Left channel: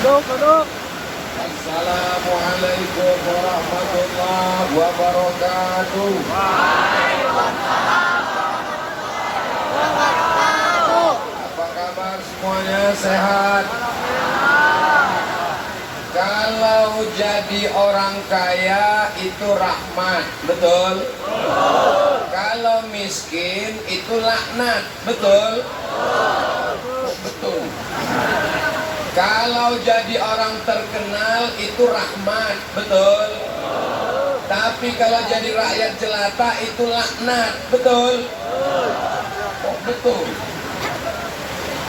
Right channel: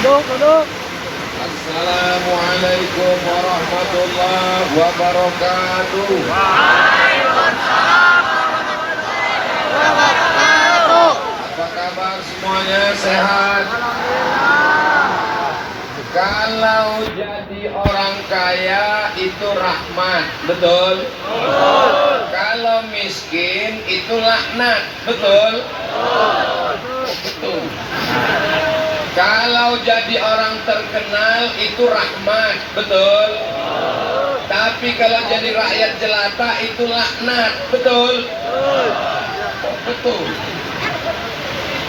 Duduk, duduk. Assalamualaikum warahmatullahi wabarakatuh. Apa kabar semuanya, sehat? Kalau jadi orang kaya itu rahmat, betul? Kalau miskin itu laknat, betul? Betul. Kalau jadi orang terkenal itu rahmat, betul? Tapi kalau jadi rakyat jelata itu laknat, betul? Betul.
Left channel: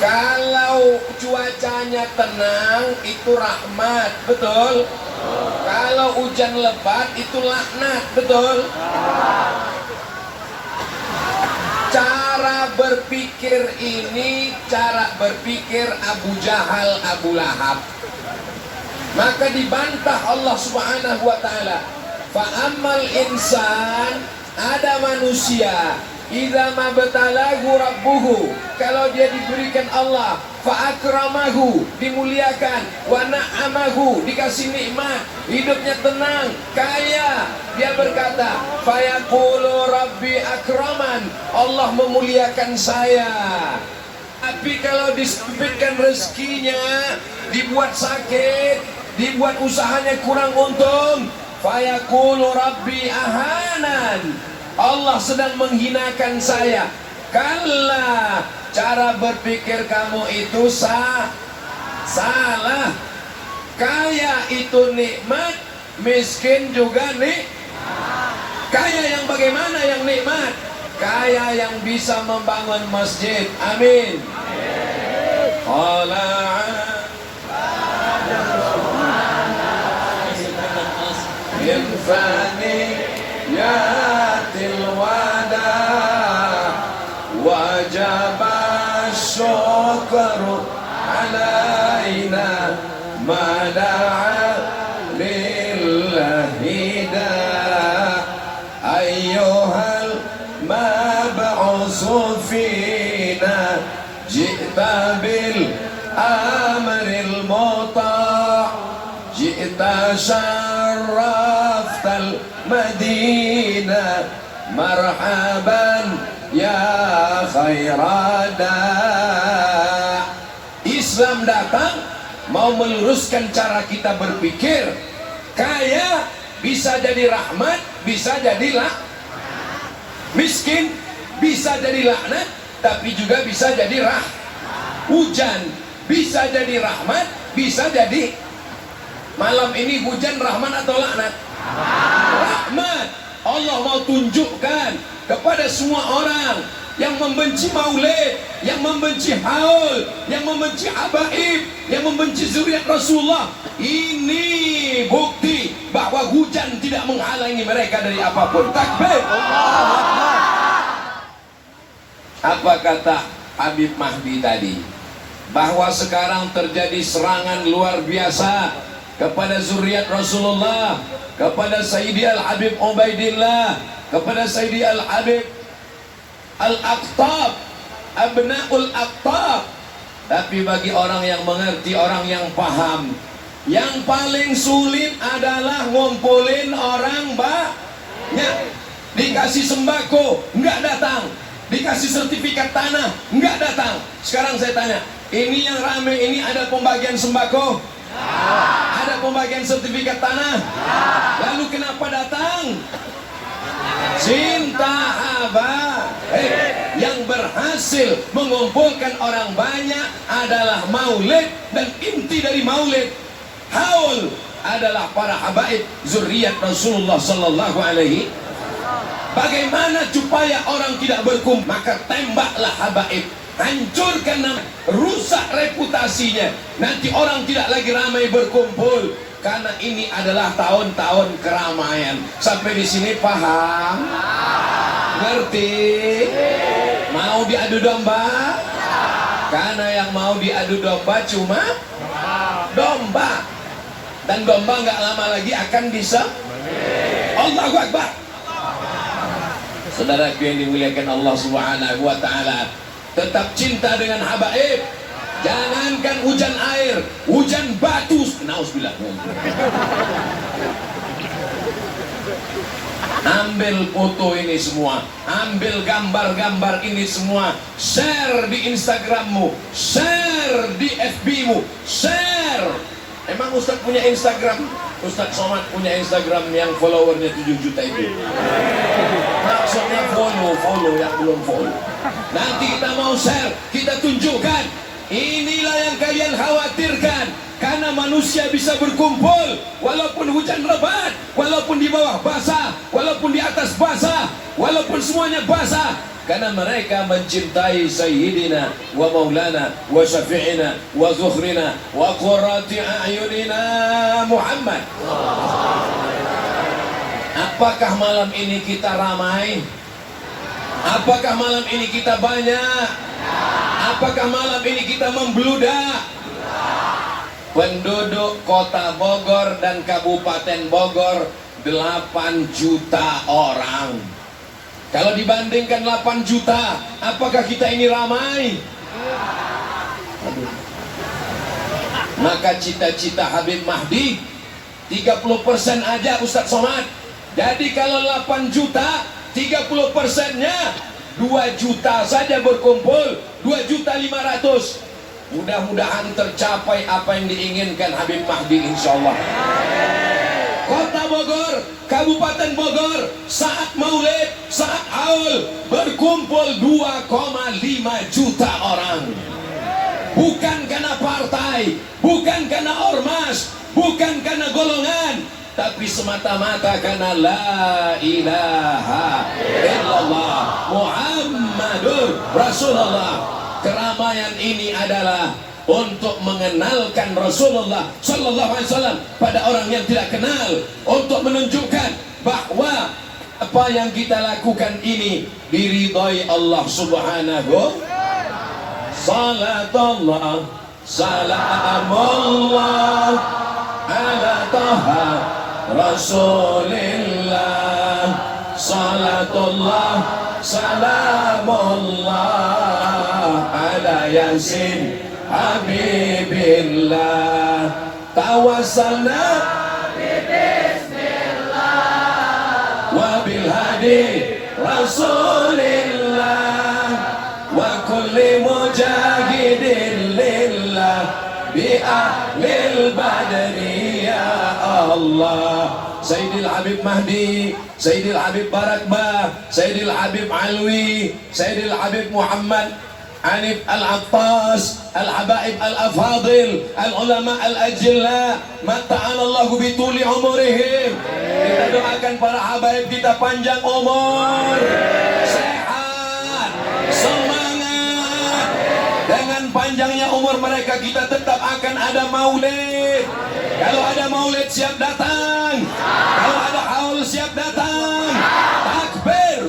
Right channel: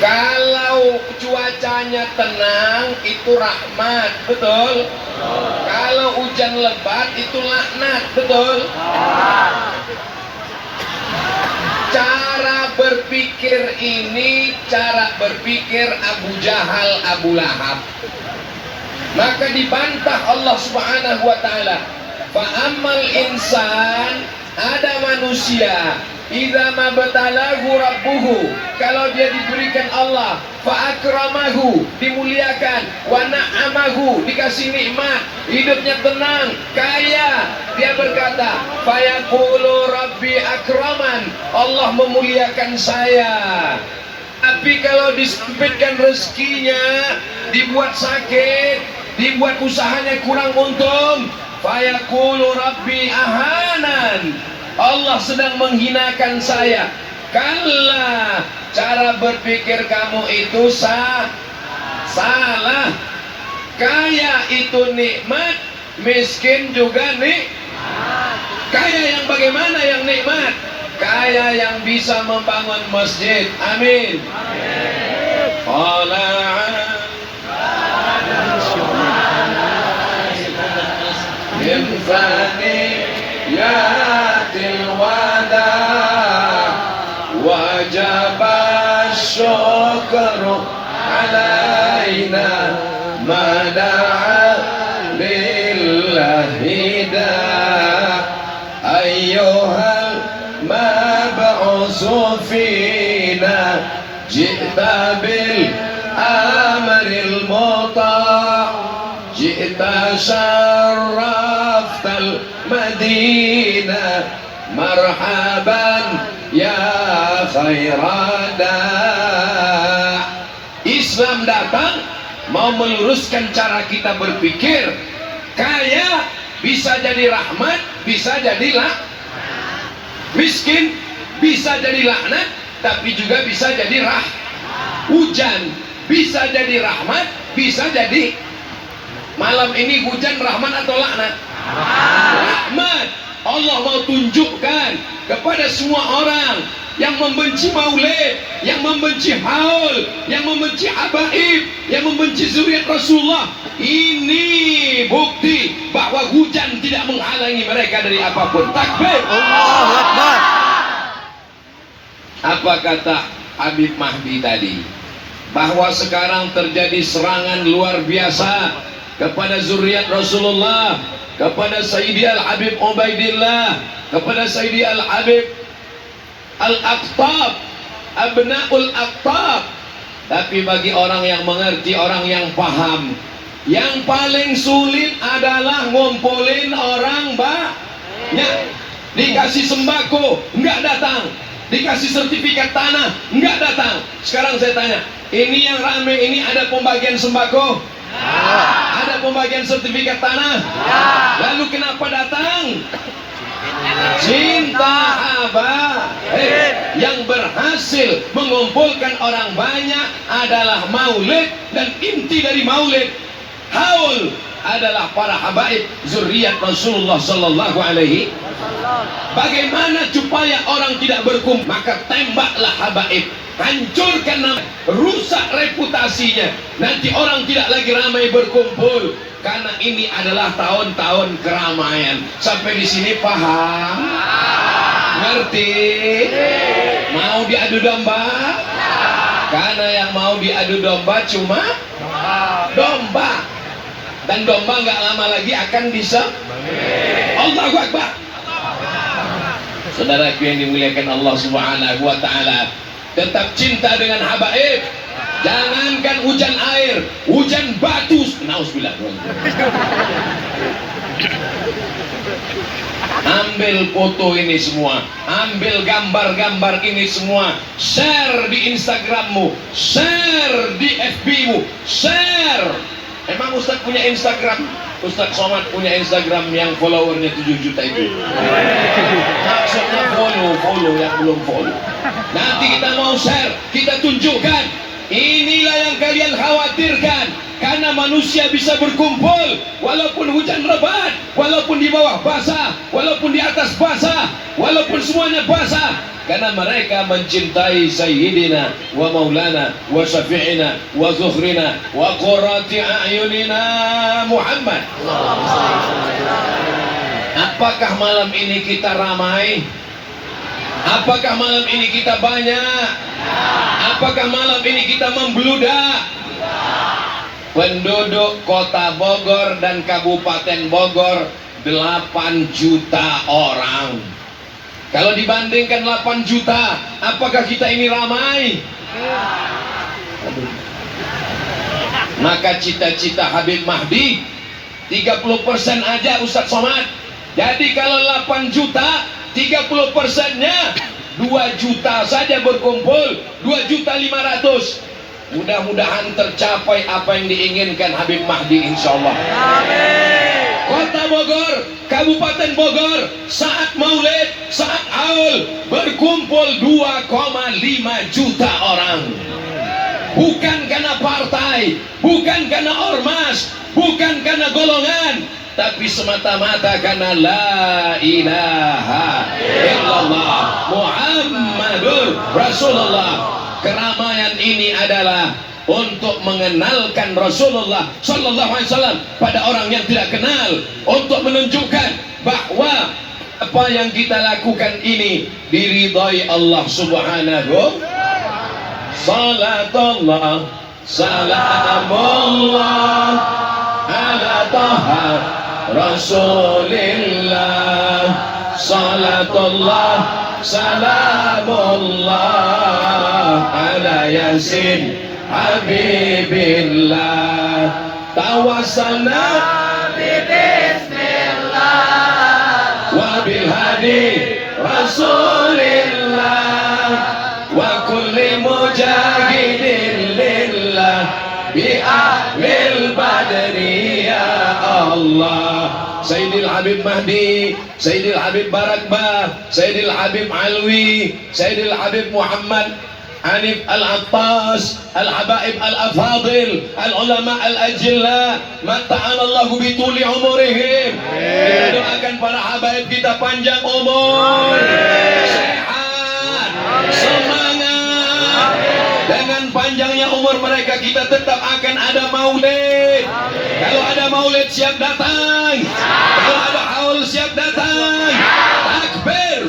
Kalau cuacanya tenang itu rahmat, betul? Kalau hujan lebat itu laknat, betul? Cara berpikir ini cara berpikir Abu Jahal, Abu Lahab. Maka dibantah Allah Subhanahu wa taala. Fa ammal insan, ada manusia, idza mabtalahu rabbuhu, kalau dia diberikan Allah, fa akramahu, dimuliakan, wa na'amahu, dikasih nikmat, hidupnya tenang, kaya, dia berkata, fa yaqulu rabbi akraman, Allah memuliakan saya. Tapi kalau disempitkan rezekinya, dibuat sakit, dibuat usahanya kurang untung, fa yaqulu rabbi ahanan, Allah sedang menghinakan saya. Kalla, cara berpikir kamu itu salah. Kaya itu nikmat, miskin juga kaya yang bagaimana yang nikmat? Kaya yang bisa membangun masjid. Amin. Wajib syukur alaina mada'a lillahi da ayyuhal mab'usu fina ji'ta bil amril muta' ji'ta syarraftal madinah marhaban ya khairada. Islam datang mau meluruskan cara kita berpikir. Kaya bisa jadi rahmat, bisa jadi miskin bisa jadi laknat, tapi juga bisa jadi hujan bisa jadi rahmat, bisa jadi malam ini hujan rahmat atau laknat? Rahmat. Allah mau tunjukkan kepada semua orang yang membenci maulid, yang membenci haul, yang membenci habaib, yang membenci zuriat Rasulullah, ini bukti bahwa hujan tidak menghalangi mereka dari apapun. Takbir. Allahu Akbar. Apa kata Habib Mahdi tadi? Bahwa sekarang terjadi serangan luar biasa kepada zuriat Rasulullah, kepada Sayyidi Al-Habib Ubaidillah, kepada Sayyidi Al-Habib Al-Aqtab, Abna'ul Aqtab. Tapi bagi orang yang mengerti, orang yang paham, yang paling sulit adalah ngumpulin orang banyak. Dikasih sembako, enggak datang. Dikasih sertifikat tanah, enggak datang. Sekarang saya tanya, ini yang rame ini ada pembagian sembako? Ya. Ada pembagian sertifikat tanah? Ya. Lalu kenapa datang? Cinta habaib. Yang berhasil mengumpulkan orang banyak adalah maulid, dan inti dari maulid haul adalah para habaib zuriat Rasulullah sallallahu alaihi. Bagaimana supaya orang tidak berkumpul? Maka tembaklah habaib, hancurkan nama, rusak reputasinya. Nanti orang tidak lagi ramai berkumpul, karena ini adalah tahun-tahun keramaian. Sampai di sini paham? Ngerti? Mau diadu domba? Karena yang mau diadu domba cuma domba, dan domba nggak lama lagi akan bisa. Allahu Akbar. Saudaraku yang dimuliakan Allah Subhanahu wa taala, tetap cinta dengan habaib, Jangankan hujan air, hujan batu. Nauzubillah. Ambil foto ini semua, ambil gambar-gambar ini semua, share di Instagrammu, share di FB-mu, share. Emang Ustadz punya Instagram? Ustadz Somad punya Instagram yang followernya 7 juta itu. Maksudnya follow yang belum follow. Nanti kita mau share, kita tunjukkan. Inilah yang kalian khawatirkan. Karena manusia bisa berkumpul walaupun hujan lebat, walaupun di bawah basah, walaupun di atas basah, walaupun semuanya basah. Karena mereka mencintai Sayyidina wa Maulana wa Syafi'ina wa Zuhrina wa Qurrati A'yunina Muhammad. Apakah malam ini kita ramai? Apakah malam ini kita banyak? Apakah malam ini kita membludak? Penduduk kota Bogor dan Kabupaten Bogor 8 juta orang. Kalau dibandingkan 8 juta, apakah kita ini ramai? Maka cita-cita Habib Mahdi 30% aja Ustadz Somad. Jadi kalau 8 juta 30%-nya 2 juta saja berkumpul, 2.500.000. Mudah-mudahan tercapai apa yang diinginkan Habib Mahdi insyaallah. Amin. Kota Bogor, Kabupaten Bogor, saat maulid, saat haul berkumpul 2,5 juta orang. Bukan karena partai, bukan karena ormas, bukan karena golongan, tapi semata-mata karena la ilaha illallah Muhammadur Rasulullah. Keramaian ini adalah untuk mengenalkan Rasulullah Sallallahu Alaihi Wasallam pada orang yang tidak kenal, untuk menunjukkan bahwa apa yang kita lakukan ini diridhai Allah Subhanahu. Salatullah salamullah ala taha Rasulillah. Salatullah salamullah ala yasin habibillah. Tawassalna bismillah wa bil hadi rasulillah wa kulli mujahidin lillah bi ahlil badri ya Allah. Sayyidil Habib Mahdi, Sayyidil Habib Barakbah, Sayyidil Habib Alwi, Sayyidil Habib Muhammad Hanif Al-Attas, Al-Habaib Al-Afadil, Al-Ulama Al-Ajilla, mata'anallahu bituli umurihim. Kita doakan para habaib kita panjang umur, sehat, semangat. Dengan panjangnya umur mereka kita tetap akan ada maulid. Kalau ada maulid siap datang, kalau ada haul siap datang. Takbir.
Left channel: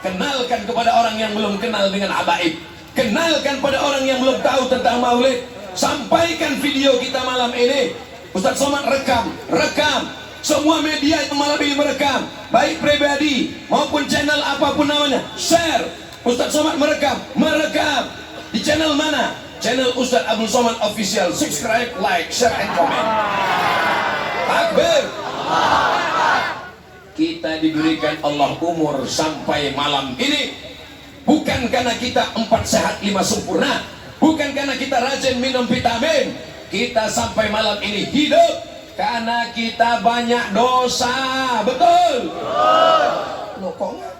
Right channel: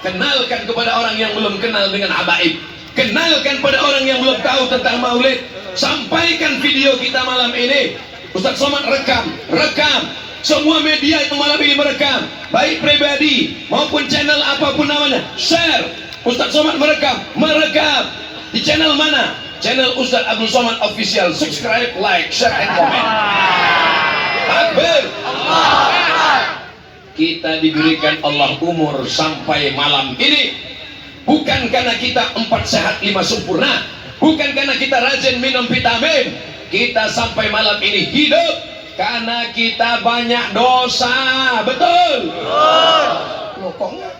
Kenalkan kepada orang yang belum kenal dengan habaib. Kenalkan pada orang yang belum tahu tentang maulid. Sampaikan video kita malam ini. Ustadz Somad rekam. Semua media yang malam ini merekam, baik pribadi maupun channel apapun namanya. Share. Ustadz Somad merekam. Di channel mana? Channel Ustadz Abdul Somad Official. Subscribe, like, share, and comment. Takbir. Kita diberikan Allah umur sampai malam ini bukan karena kita 4 sehat 5 sempurna, bukan karena kita rajin minum vitamin. Kita sampai malam ini hidup karena kita banyak dosa. Betul? Loh, kok enggak?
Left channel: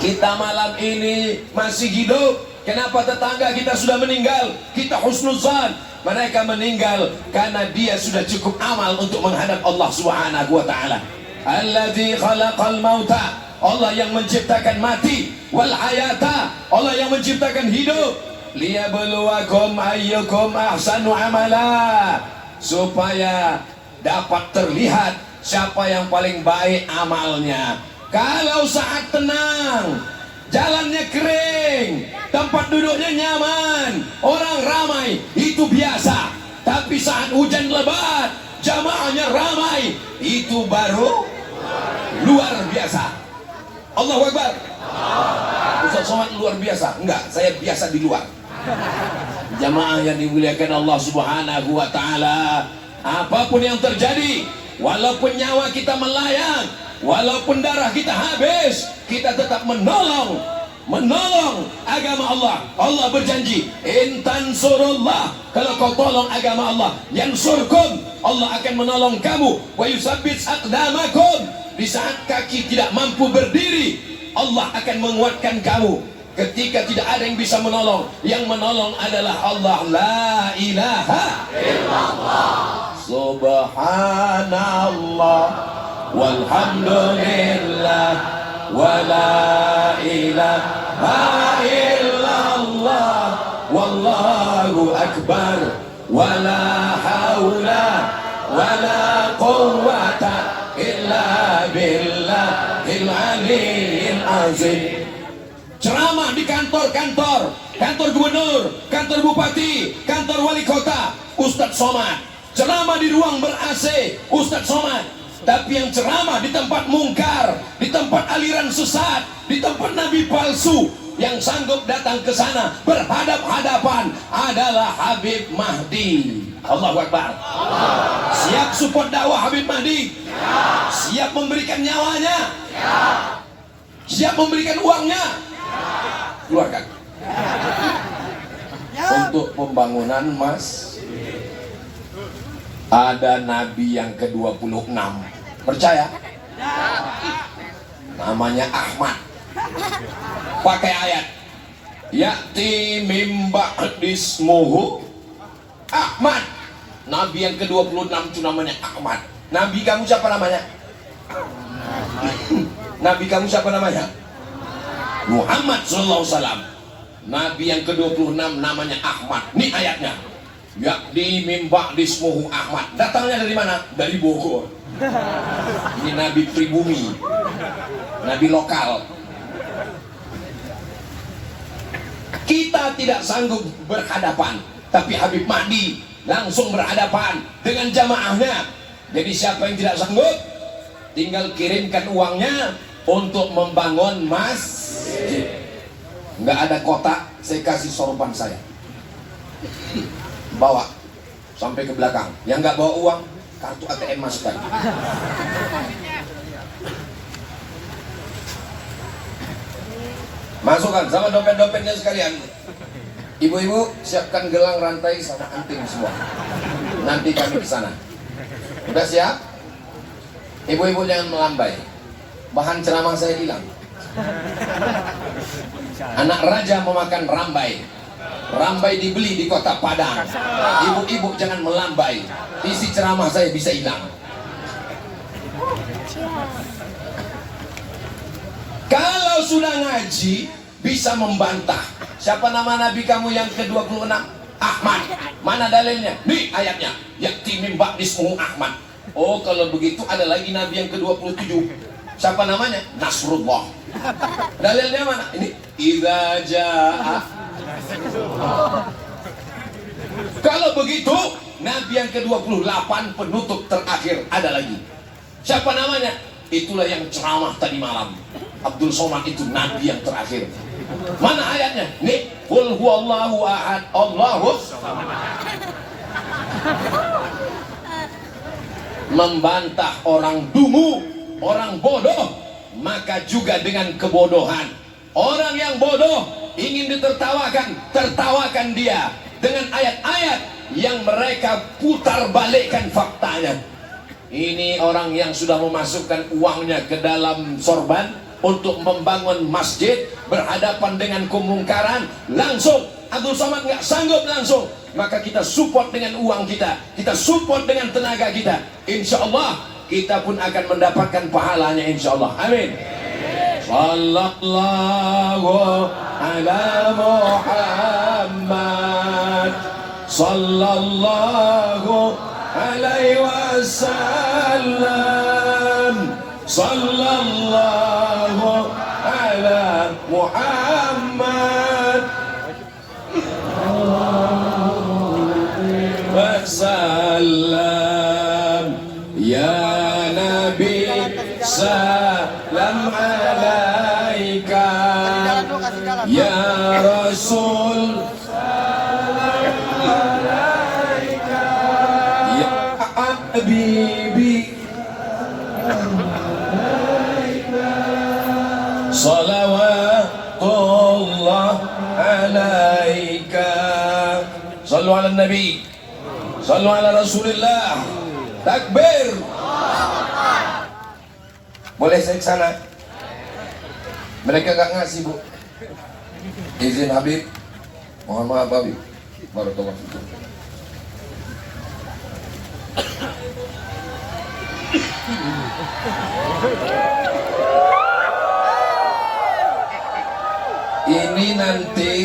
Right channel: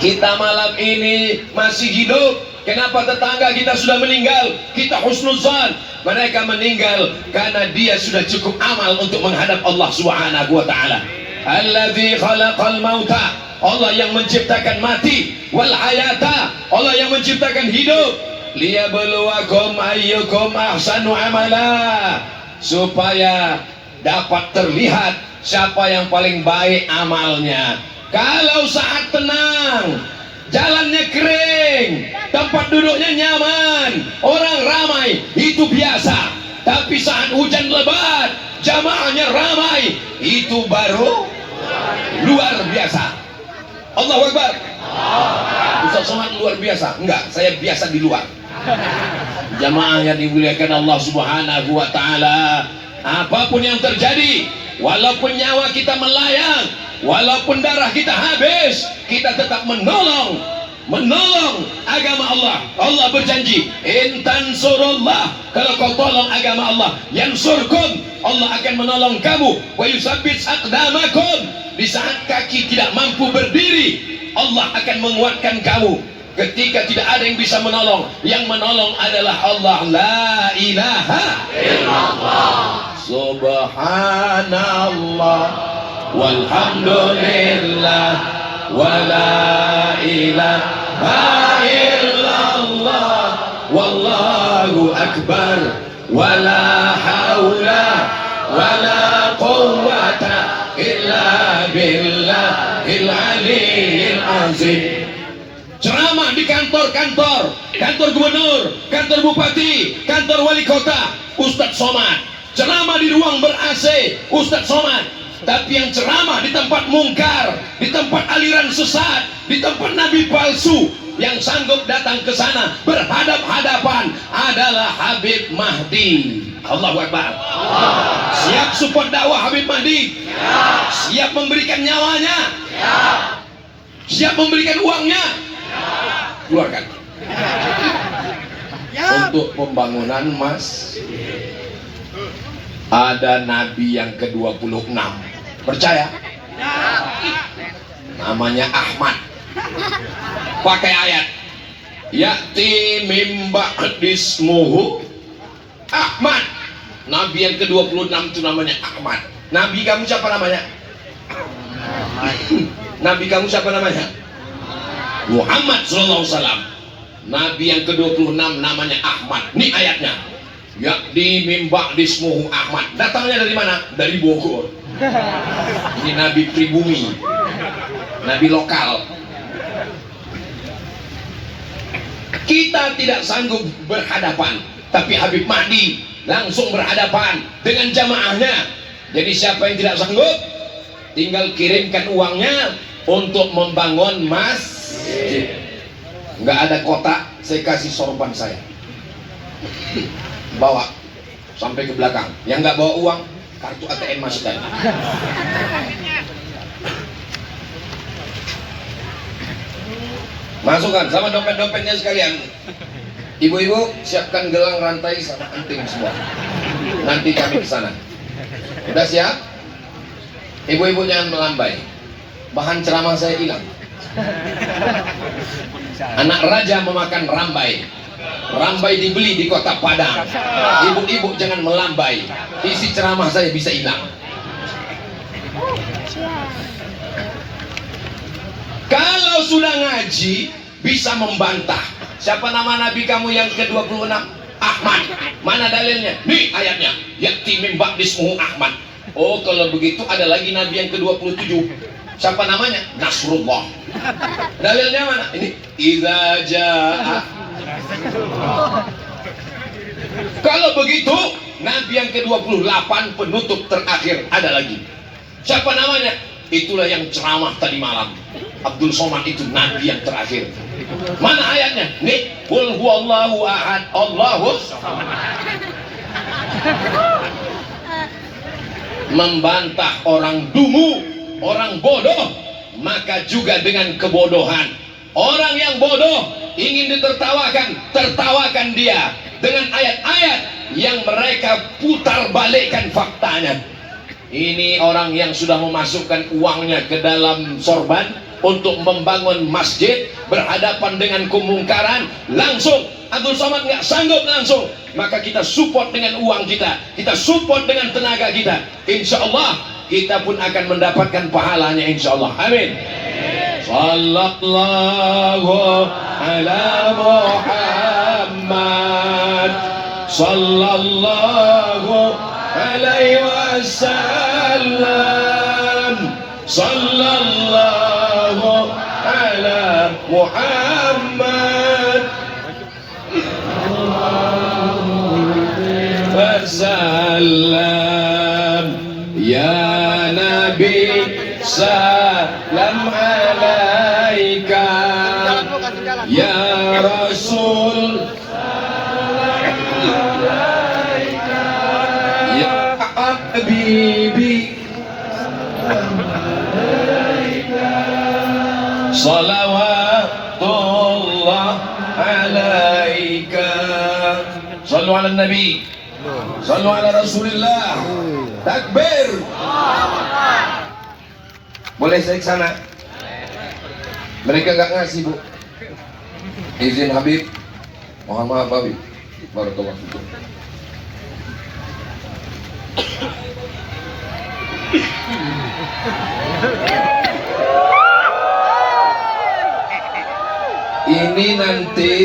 Kita malam ini masih hidup. Kenapa tetangga kita sudah meninggal? Kita husnuzan. Mereka meninggal karena dia sudah cukup amal untuk menghadap Allah Subhanahu wa taala. Alladzi khalaqal mauta, Allah yang menciptakan mati, wal hayata, Allah yang menciptakan hidup, liyabluwakum ayyukum ahsanu amala, supaya dapat terlihat siapa yang paling baik amalnya. Kalau saat tenang, jalannya kering, tempat duduknya nyaman, orang ramai, itu biasa. Tapi saat hujan lebat, jamaahnya ramai, itu baru luar biasa. Allahu Akbar. Ustaz Somad luar biasa? Enggak, saya biasa di luar. Jamaah yang dimuliakan Allah Subhanahu wa taala, apapun yang terjadi, walaupun nyawa kita melayang, walaupun darah kita habis, kita tetap menolong agama Allah. Allah berjanji, "Intan surullah," kalau kau tolong agama Allah, yansurkum, Allah akan menolong kamu. Wa yusabbit aqdamakum, di saat kaki tidak mampu berdiri, Allah akan menguatkan kamu. Ketika tidak ada yang bisa menolong, yang menolong adalah Allah. La ilaha illallah, subhanallah, walhamdulillah, wa la ilaha illallah, wallahu akbar, wa la hawla wa la quwwata illa billahil aliyyil azim. Ceramah di kantor-kantor, kantor gubernur, kantor bupati, kantor wali kota, Ustadz Somad. Ceramah di ruang ber-AC, Ustadz Somad. Tapi yang ceramah di tempat mungkar, di tempat aliran sesat, di tempat nabi palsu, yang sanggup datang ke sana berhadap-hadapan adalah Habib Mahdi. Allahu Akbar. Siap support dakwah Habib Mahdi? Siap memberikan nyawanya? Siap memberikan uangnya? Keluarkan untuk pembangunan masjid. Ada nabi yang ke-26, percaya? Namanya Ahmad, pakai ayat ya'ti mim ba'dismuhu Ahmad. Nabi yang ke-26 itu namanya Ahmad. Nabi kamu siapa namanya? Nabi kamu siapa namanya? Muhammad sallallahu alaihi wasallam. Nabi yang ke-26 namanya Ahmad. Ini ayatnya. Ya'ti mim ba'dismuhu Ahmad. Datangnya dari mana? Dari Bogor. Ini nabi pribumi, nabi lokal. Kita tidak sanggup berhadapan, tapi Habib Mahdi langsung berhadapan dengan jamaahnya. Jadi siapa yang tidak sanggup, tinggal kirimkan uangnya untuk membangun masjid. Nggak ada kotak, saya kasih sorban saya, bawa sampai ke belakang. Yang nggak bawa uang, kartu ATM masukkan. Masukkan sama dompet-dompetnya sekalian. Ibu-ibu siapkan gelang, rantai sama anting semua. Nanti kami ke sana. Udah siap? Ibu-ibu jangan melambai. Bahan ceramah saya hilang. Anak raja memakan rambai. Rambai dibeli di kota Padang. Ibu-ibu jangan melambai. Isi ceramah saya bisa hilang. Kalau sudah ngaji bisa membantah. Siapa nama nabi kamu yang ke-26? Ahmad. Mana dalilnya? Nih ayatnya. Ya'ti min ba'dismuhu Ahmad. Oh, kalau begitu ada lagi nabi yang ke-27. Siapa namanya? Nasrullah. Dalilnya mana? Ini idza jaa. Kalau begitu, nabi yang ke-28 penutup terakhir ada lagi. Siapa namanya? Itulah yang ceramah tadi malam. Abdul Somad itu nabi yang terakhir. Mana ayatnya? Nih, qul huwallahu ahad, Allahus samad. Membantah orang dungu, orang bodoh, maka juga dengan kebodohan. Orang yang bodoh ingin ditertawakan, tertawakan dia dengan ayat-ayat yang mereka putar balikkan faktanya. Ini orang yang sudah memasukkan uangnya ke dalam sorban untuk membangun masjid, berhadapan dengan kemungkaran, langsung Abdul Somad nggak sanggup langsung, maka kita support dengan uang kita, kita support dengan tenaga kita. Insya Allah kita pun akan mendapatkan pahalanya, insya Allah. Amin. Sallallahu ala Muhammad, sallallahu alaihi wasallam, sallallahu ala Muhammad wasallam. Ya Nabi salam alaika, ya Rasul habibi salawatullah alaika. Sallu ala nabi, sallu ala rasulillah. Takbir. Boleh saya ke sana? Mereka gak ngasih, Bu. Izin Habib. Mohon maaf Habib. Barakallahu fikum. Ini nanti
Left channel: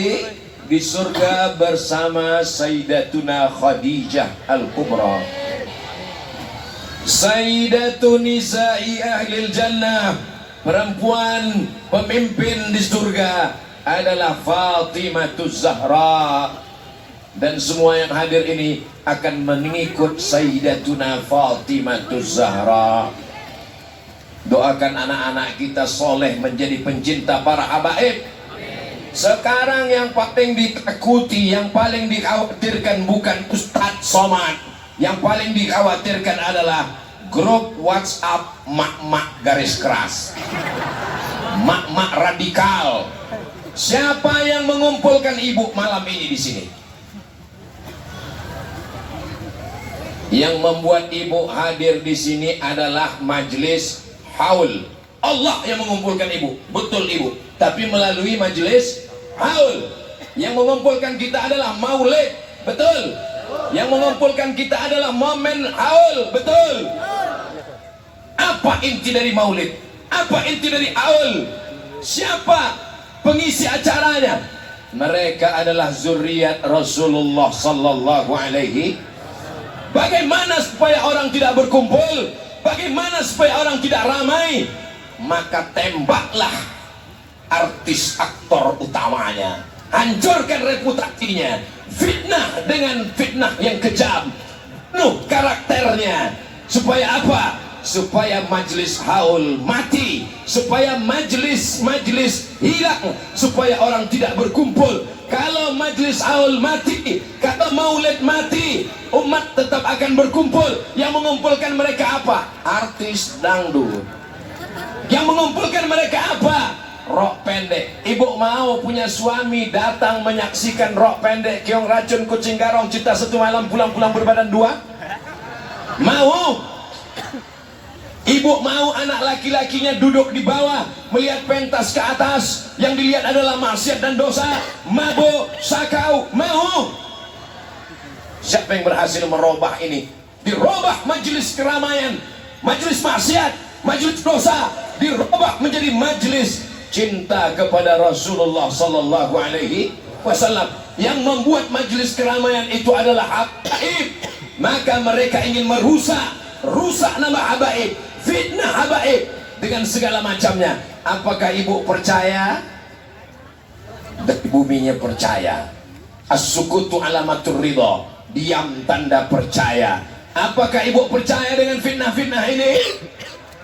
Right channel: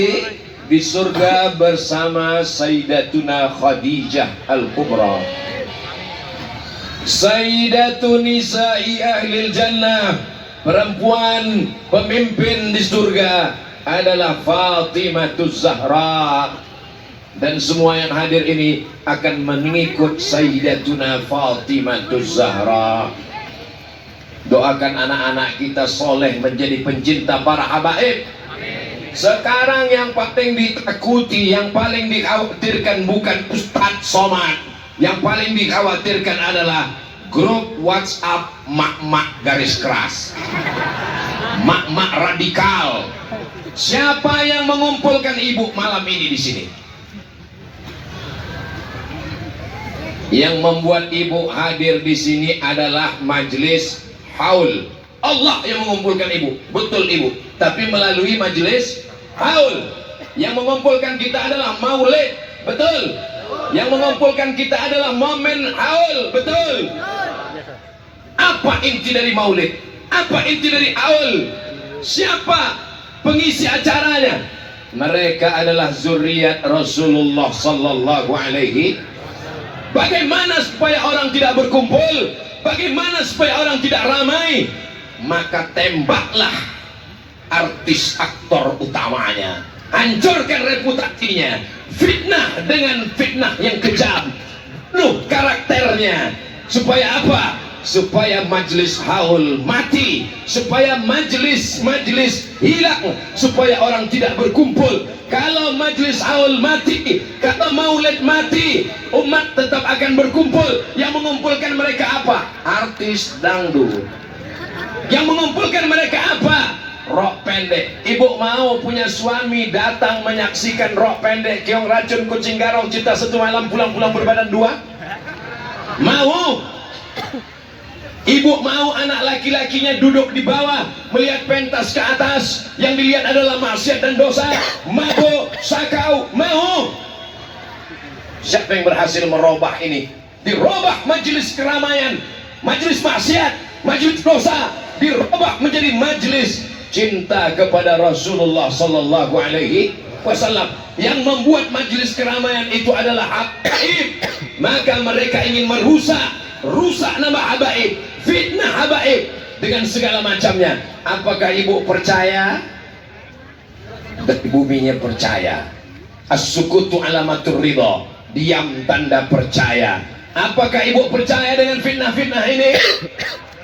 di surga bersama Sayyidatuna Khadijah Al-Kubra, Sayyidatun Nisa'i Ahlil Jannah. Perempuan pemimpin di surga adalah Fatimatuz Zahra. Dan semua yang hadir ini akan mengikut Sayyidatuna Fatimatuz Zahra. Doakan anak-anak kita soleh menjadi pencinta para habaib. Sekarang yang paling ditakuti, yang paling dikhawatirkan bukan Ustadz Somad. Yang paling dikhawatirkan adalah grup WhatsApp mak-mak garis keras, mak-mak radikal. Siapa yang mengumpulkan ibu malam ini di sini? Yang membuat ibu hadir di sini adalah majelis haul. Allah yang mengumpulkan ibu, betul ibu. Tapi melalui majelis haul. Yang mengumpulkan kita adalah maulid, betul. Yang mengumpulkan kita adalah momen haul, betul. Apa inti dari maulid? Apa inti dari haul? Siapa pengisi acaranya? Mereka adalah zuriat Rasulullah sallallahu alaihi. Bagaimana supaya orang tidak berkumpul? Bagaimana supaya orang tidak ramai? Maka tembaklah artis aktor utamanya, hancurkan reputasinya, fitnah dengan fitnah yang kejam, penuh karakternya. Supaya apa? Supaya majelis haul mati, supaya majelis hilang, supaya orang tidak berkumpul. Kalau majelis haul mati, kalau maulid mati, umat tetap akan berkumpul. Yang mengumpulkan mereka apa? Artis dangdut. Yang mengumpulkan mereka apa? Rok pendek. Ibu mau punya suami datang menyaksikan rok pendek, keong racun kucing garong cinta satu malam pulang-pulang berbadan dua? Mau? Ibu mau anak laki-lakinya duduk di bawah melihat pentas ke atas, yang dilihat adalah maksiat dan dosa, mabuk, sakau? Mau? Siapa yang berhasil merubah ini? Dirubah majelis keramaian, majelis maksiat, majelis dosa, dirubah menjadi majelis cinta kepada Rasulullah sallallahu alaihi wasallam. Yang membuat majelis keramaian itu adalah habaib. Maka mereka ingin rusak nama habaib, fitnah habaib dengan segala macamnya. Apakah ibu percaya? Dan buminya percaya. As-sukutu alamatur ridha, diam tanda percaya. Apakah ibu percaya dengan fitnah-fitnah ini?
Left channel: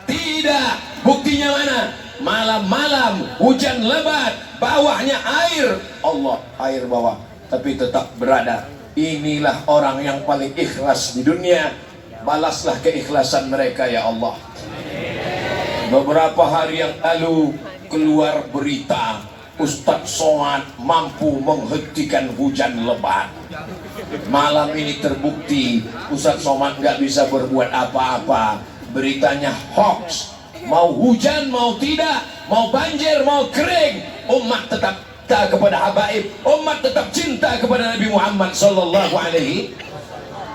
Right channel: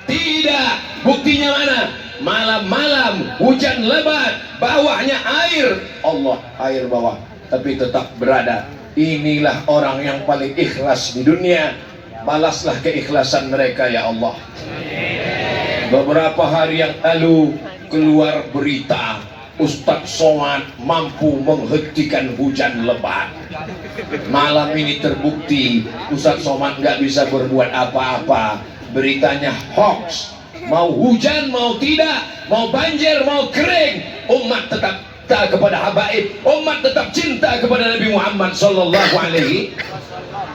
Tidak. Buktinya mana? Malam-malam hujan lebat, bawahnya air. Allah, air bawah, tapi tetap berada. Inilah orang yang paling ikhlas di dunia. Balaslah keikhlasan mereka ya Allah. Beberapa hari yang lalu keluar berita Ustadz Somad mampu menghentikan hujan lebat. Malam ini terbukti Ustadz Somad nggak bisa berbuat apa-apa. Beritanya hoax. Mau hujan, mau tidak, mau banjir, mau kering, umat tetap cinta kepada habaib, umat tetap cinta kepada Nabi Muhammad sallallahu alaihi.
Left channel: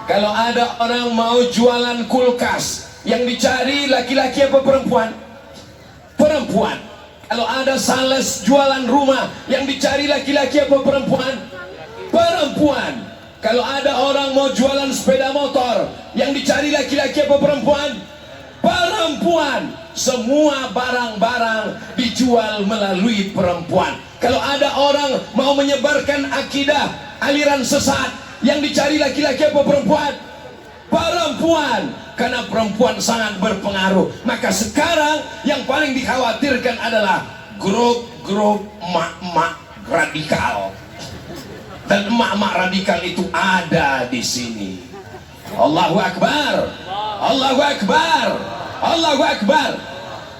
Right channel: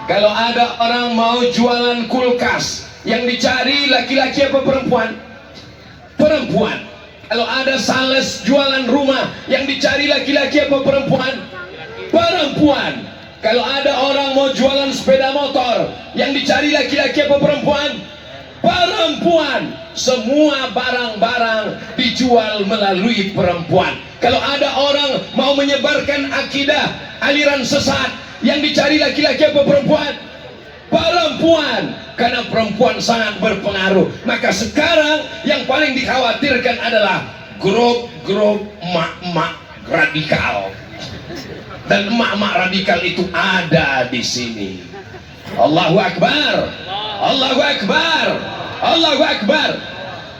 Kalau ada orang mau jualan kulkas, yang dicari laki-laki apa perempuan? Perempuan. Kalau ada sales jualan rumah, yang dicari laki-laki apa perempuan? Perempuan. Kalau ada orang mau jualan sepeda motor, yang dicari laki-laki apa perempuan? Perempuan. Semua barang-barang dijual melalui perempuan. Kalau ada orang mau menyebarkan akidah aliran sesat, yang dicari laki-laki apa perempuan? Perempuan. Karena perempuan sangat berpengaruh. Maka sekarang yang paling dikhawatirkan adalah grup-grup emak-emak radikal. Dan emak-emak radikal itu ada di sini. Allahu Akbar. Allahu Akbar. Allahu Akbar.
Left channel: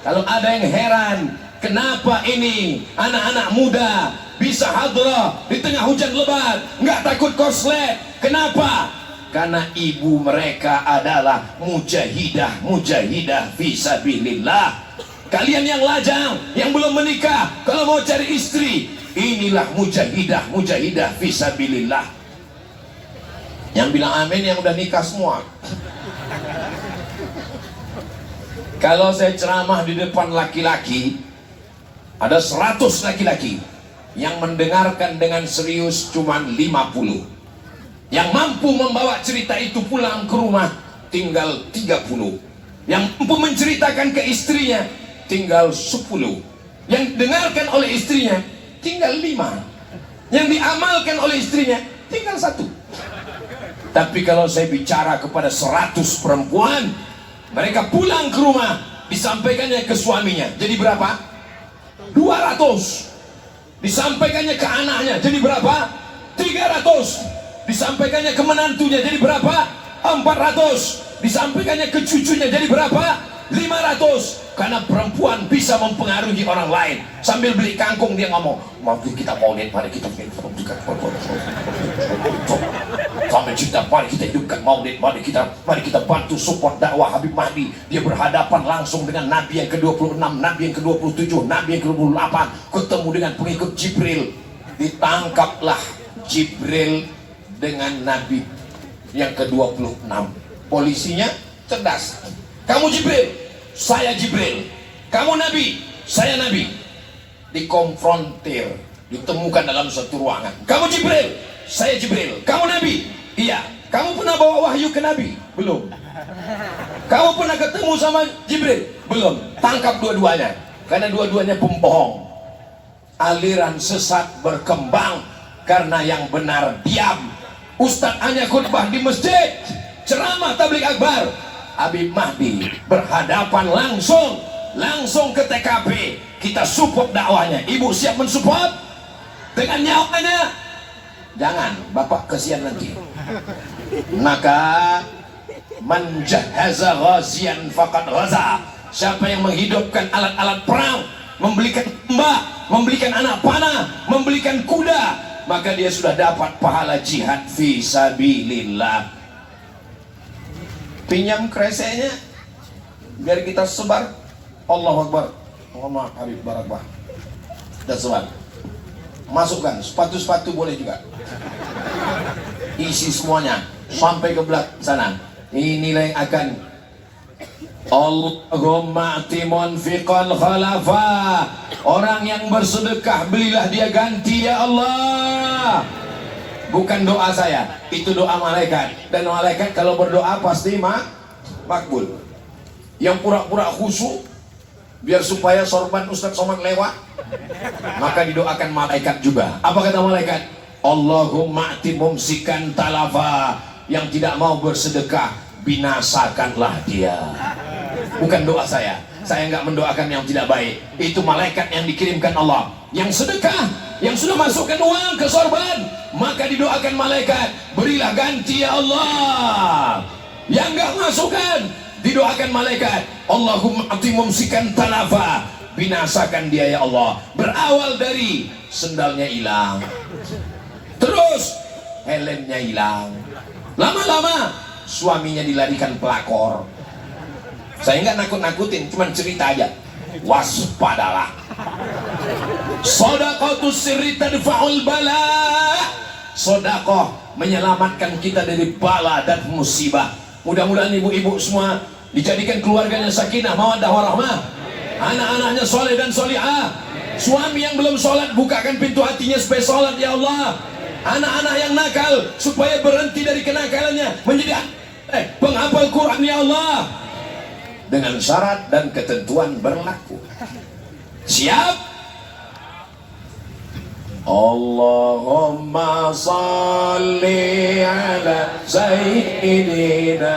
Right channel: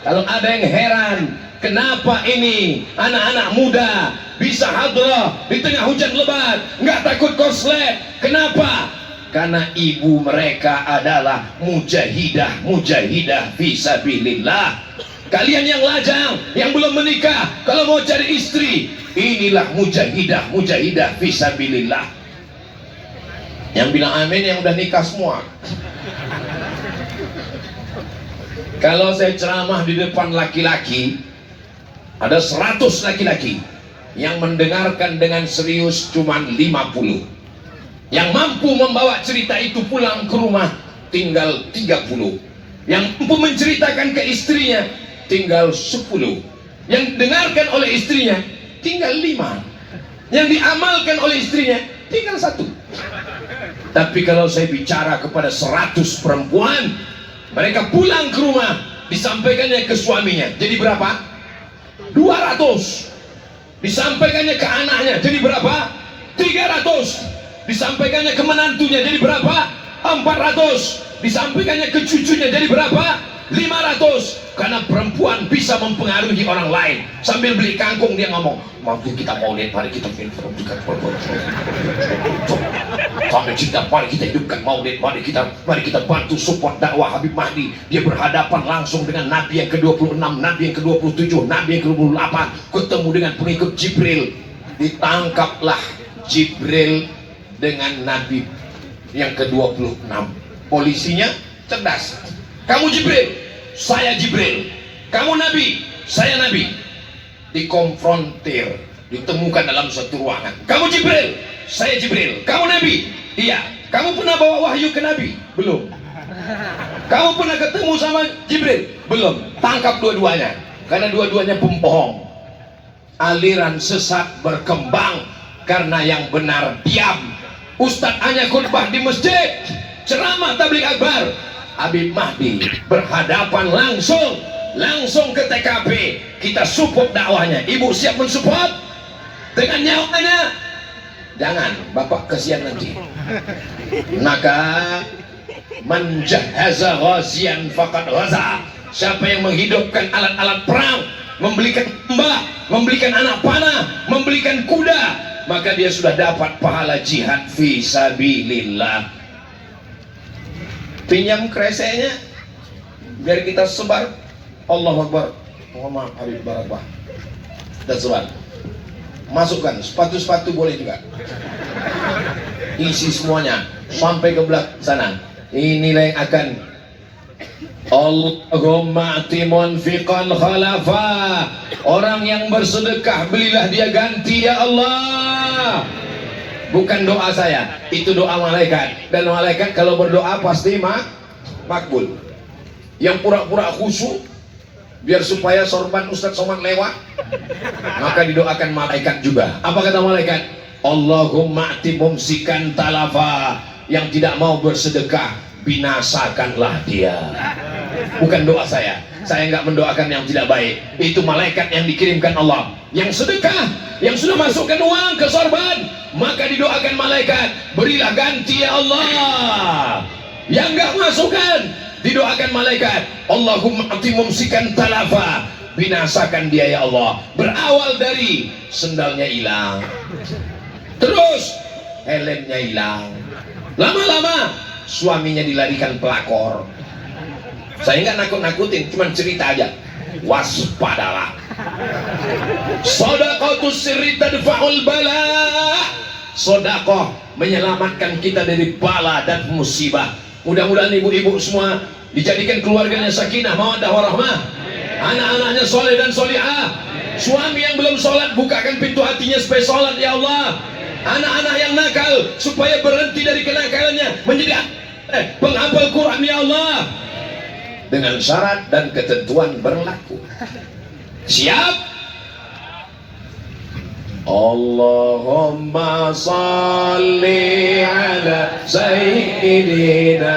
Kalau ada yang heran, kenapa ini anak-anak muda bisa hadrah di tengah hujan lebat, nggak takut korslet? Kenapa? Karena ibu mereka adalah mujahidah fisabilillah. Kalian yang lajang, yang belum menikah, kalau mau cari istri, inilah mujahidah fisabilillah. Yang bilang amin yang udah nikah semua. Kalau saya ceramah di depan laki-laki, ada 100 laki-laki yang mendengarkan dengan serius cuma 50. Yang mampu membawa cerita itu pulang ke rumah tinggal 30. Yang mampu menceritakan ke istrinya tinggal 10. Yang dengarkan oleh istrinya tinggal 5. Yang diamalkan oleh istrinya tinggal 1. Tapi kalau saya bicara kepada 100 perempuan, mereka pulang ke rumah, disampaikannya ke suaminya, jadi berapa? 200. Disampaikannya ke anaknya, jadi berapa? 300. Disampaikannya ke menantunya, jadi berapa? 400. Disampaikannya ke cucunya, jadi berapa? 500. Karena perempuan bisa mempengaruhi orang lain. Sambil beli kangkung dia ngomong, mari kita maulid, mari kita hidupkan maulid, mari kita bantu support dakwah Habib Mahdi. Dia berhadapan langsung dengan Nabi yang ke-26, Nabi yang ke-27, Nabi yang ke-28, ketemu dengan pengikut Jibril. Ditangkaplah Jibril dengan Nabi yang ke-26. Polisinya cerdas. Kamu Jibril, saya Jibril. Kamu Nabi, saya Nabi. Dikonfrontir, ditemukan dalam satu ruangan. Kamu Jibril, saya Jibril. Kamu Nabi, iya. Kamu pernah bawa wahyu ke Nabi? Belum. Kamu pernah ketemu sama Jibril? Belum. Tangkap dua-duanya, karena dua-duanya pembohong. Aliran sesat berkembang karena yang benar diam. Ustadz hanya khutbah di masjid, ceramah tabligh akbar. Habib Mahdi berhadapan langsung ke TKP. Kita support dakwahnya. Ibu siap mensupport dengan nyawanya? Jangan, bapak kesian nanti. Maka menjahaza ghazian faqad ghaza. Siapa yang menghidupkan alat-alat perang, membelikan mbak, membelikan anak panah, membelikan kuda, maka dia sudah dapat pahala jihad fisabilillah. Pinjam kreseknya biar kita sebar. Allahu Akbar. Mohon maaf Habib Barakah. Dan sebar. Masukkan sepatu-sepatu boleh juga. Isi semuanya sampai ke belakang sana. Inilah yang akan Allahumma atimun fiqan khalafa. Orang yang bersedekah belilah dia ganti ya Allah. Bukan doa saya, itu doa malaikat. Dan malaikat kalau berdoa pasti makbul. Yang pura-pura khusyuk biar supaya sorban Ustadz Somad lewat, maka didoakan malaikat juga. Apa kata malaikat? Allahumma ati mumsikan talafa. Yang tidak mau bersedekah, binasakanlah dia. Bukan doa saya nggak mendoakan yang tidak baik. Itu malaikat yang dikirimkan Allah. Yang sedekah, yang sudah masukkan uang ke sorban, maka didoakan malaikat, berilah ganti ya Allah. Yang nggak masukkan, didoakan malaikat, Allahumma ati mumsikan talafa, binasakan dia ya Allah. Berawal dari sendalnya hilang, terus helmnya hilang, lama-lama suaminya dilarikan pelakor. Saya nggak nakut-nakutin, cuma cerita aja. Waspadalah. Shadaqatus sirri tadfa'ul bala. Sedekah menyelamatkan kita dari bala dan musibah. Mudah-mudahan ibu-ibu semua dijadikan keluarganya sakinah, mawaddah warahmah. Anak-anaknya soleh dan solihah. Suami yang belum sholat, bukakan pintu hatinya supaya sholat ya Allah. Anak-anak yang nakal supaya berhenti dari kenakalannya, menjadi penghafal Quran ya Allah. Dengan syarat dan ketentuan berlaku. Siap? Allahumma salli ala sayyidina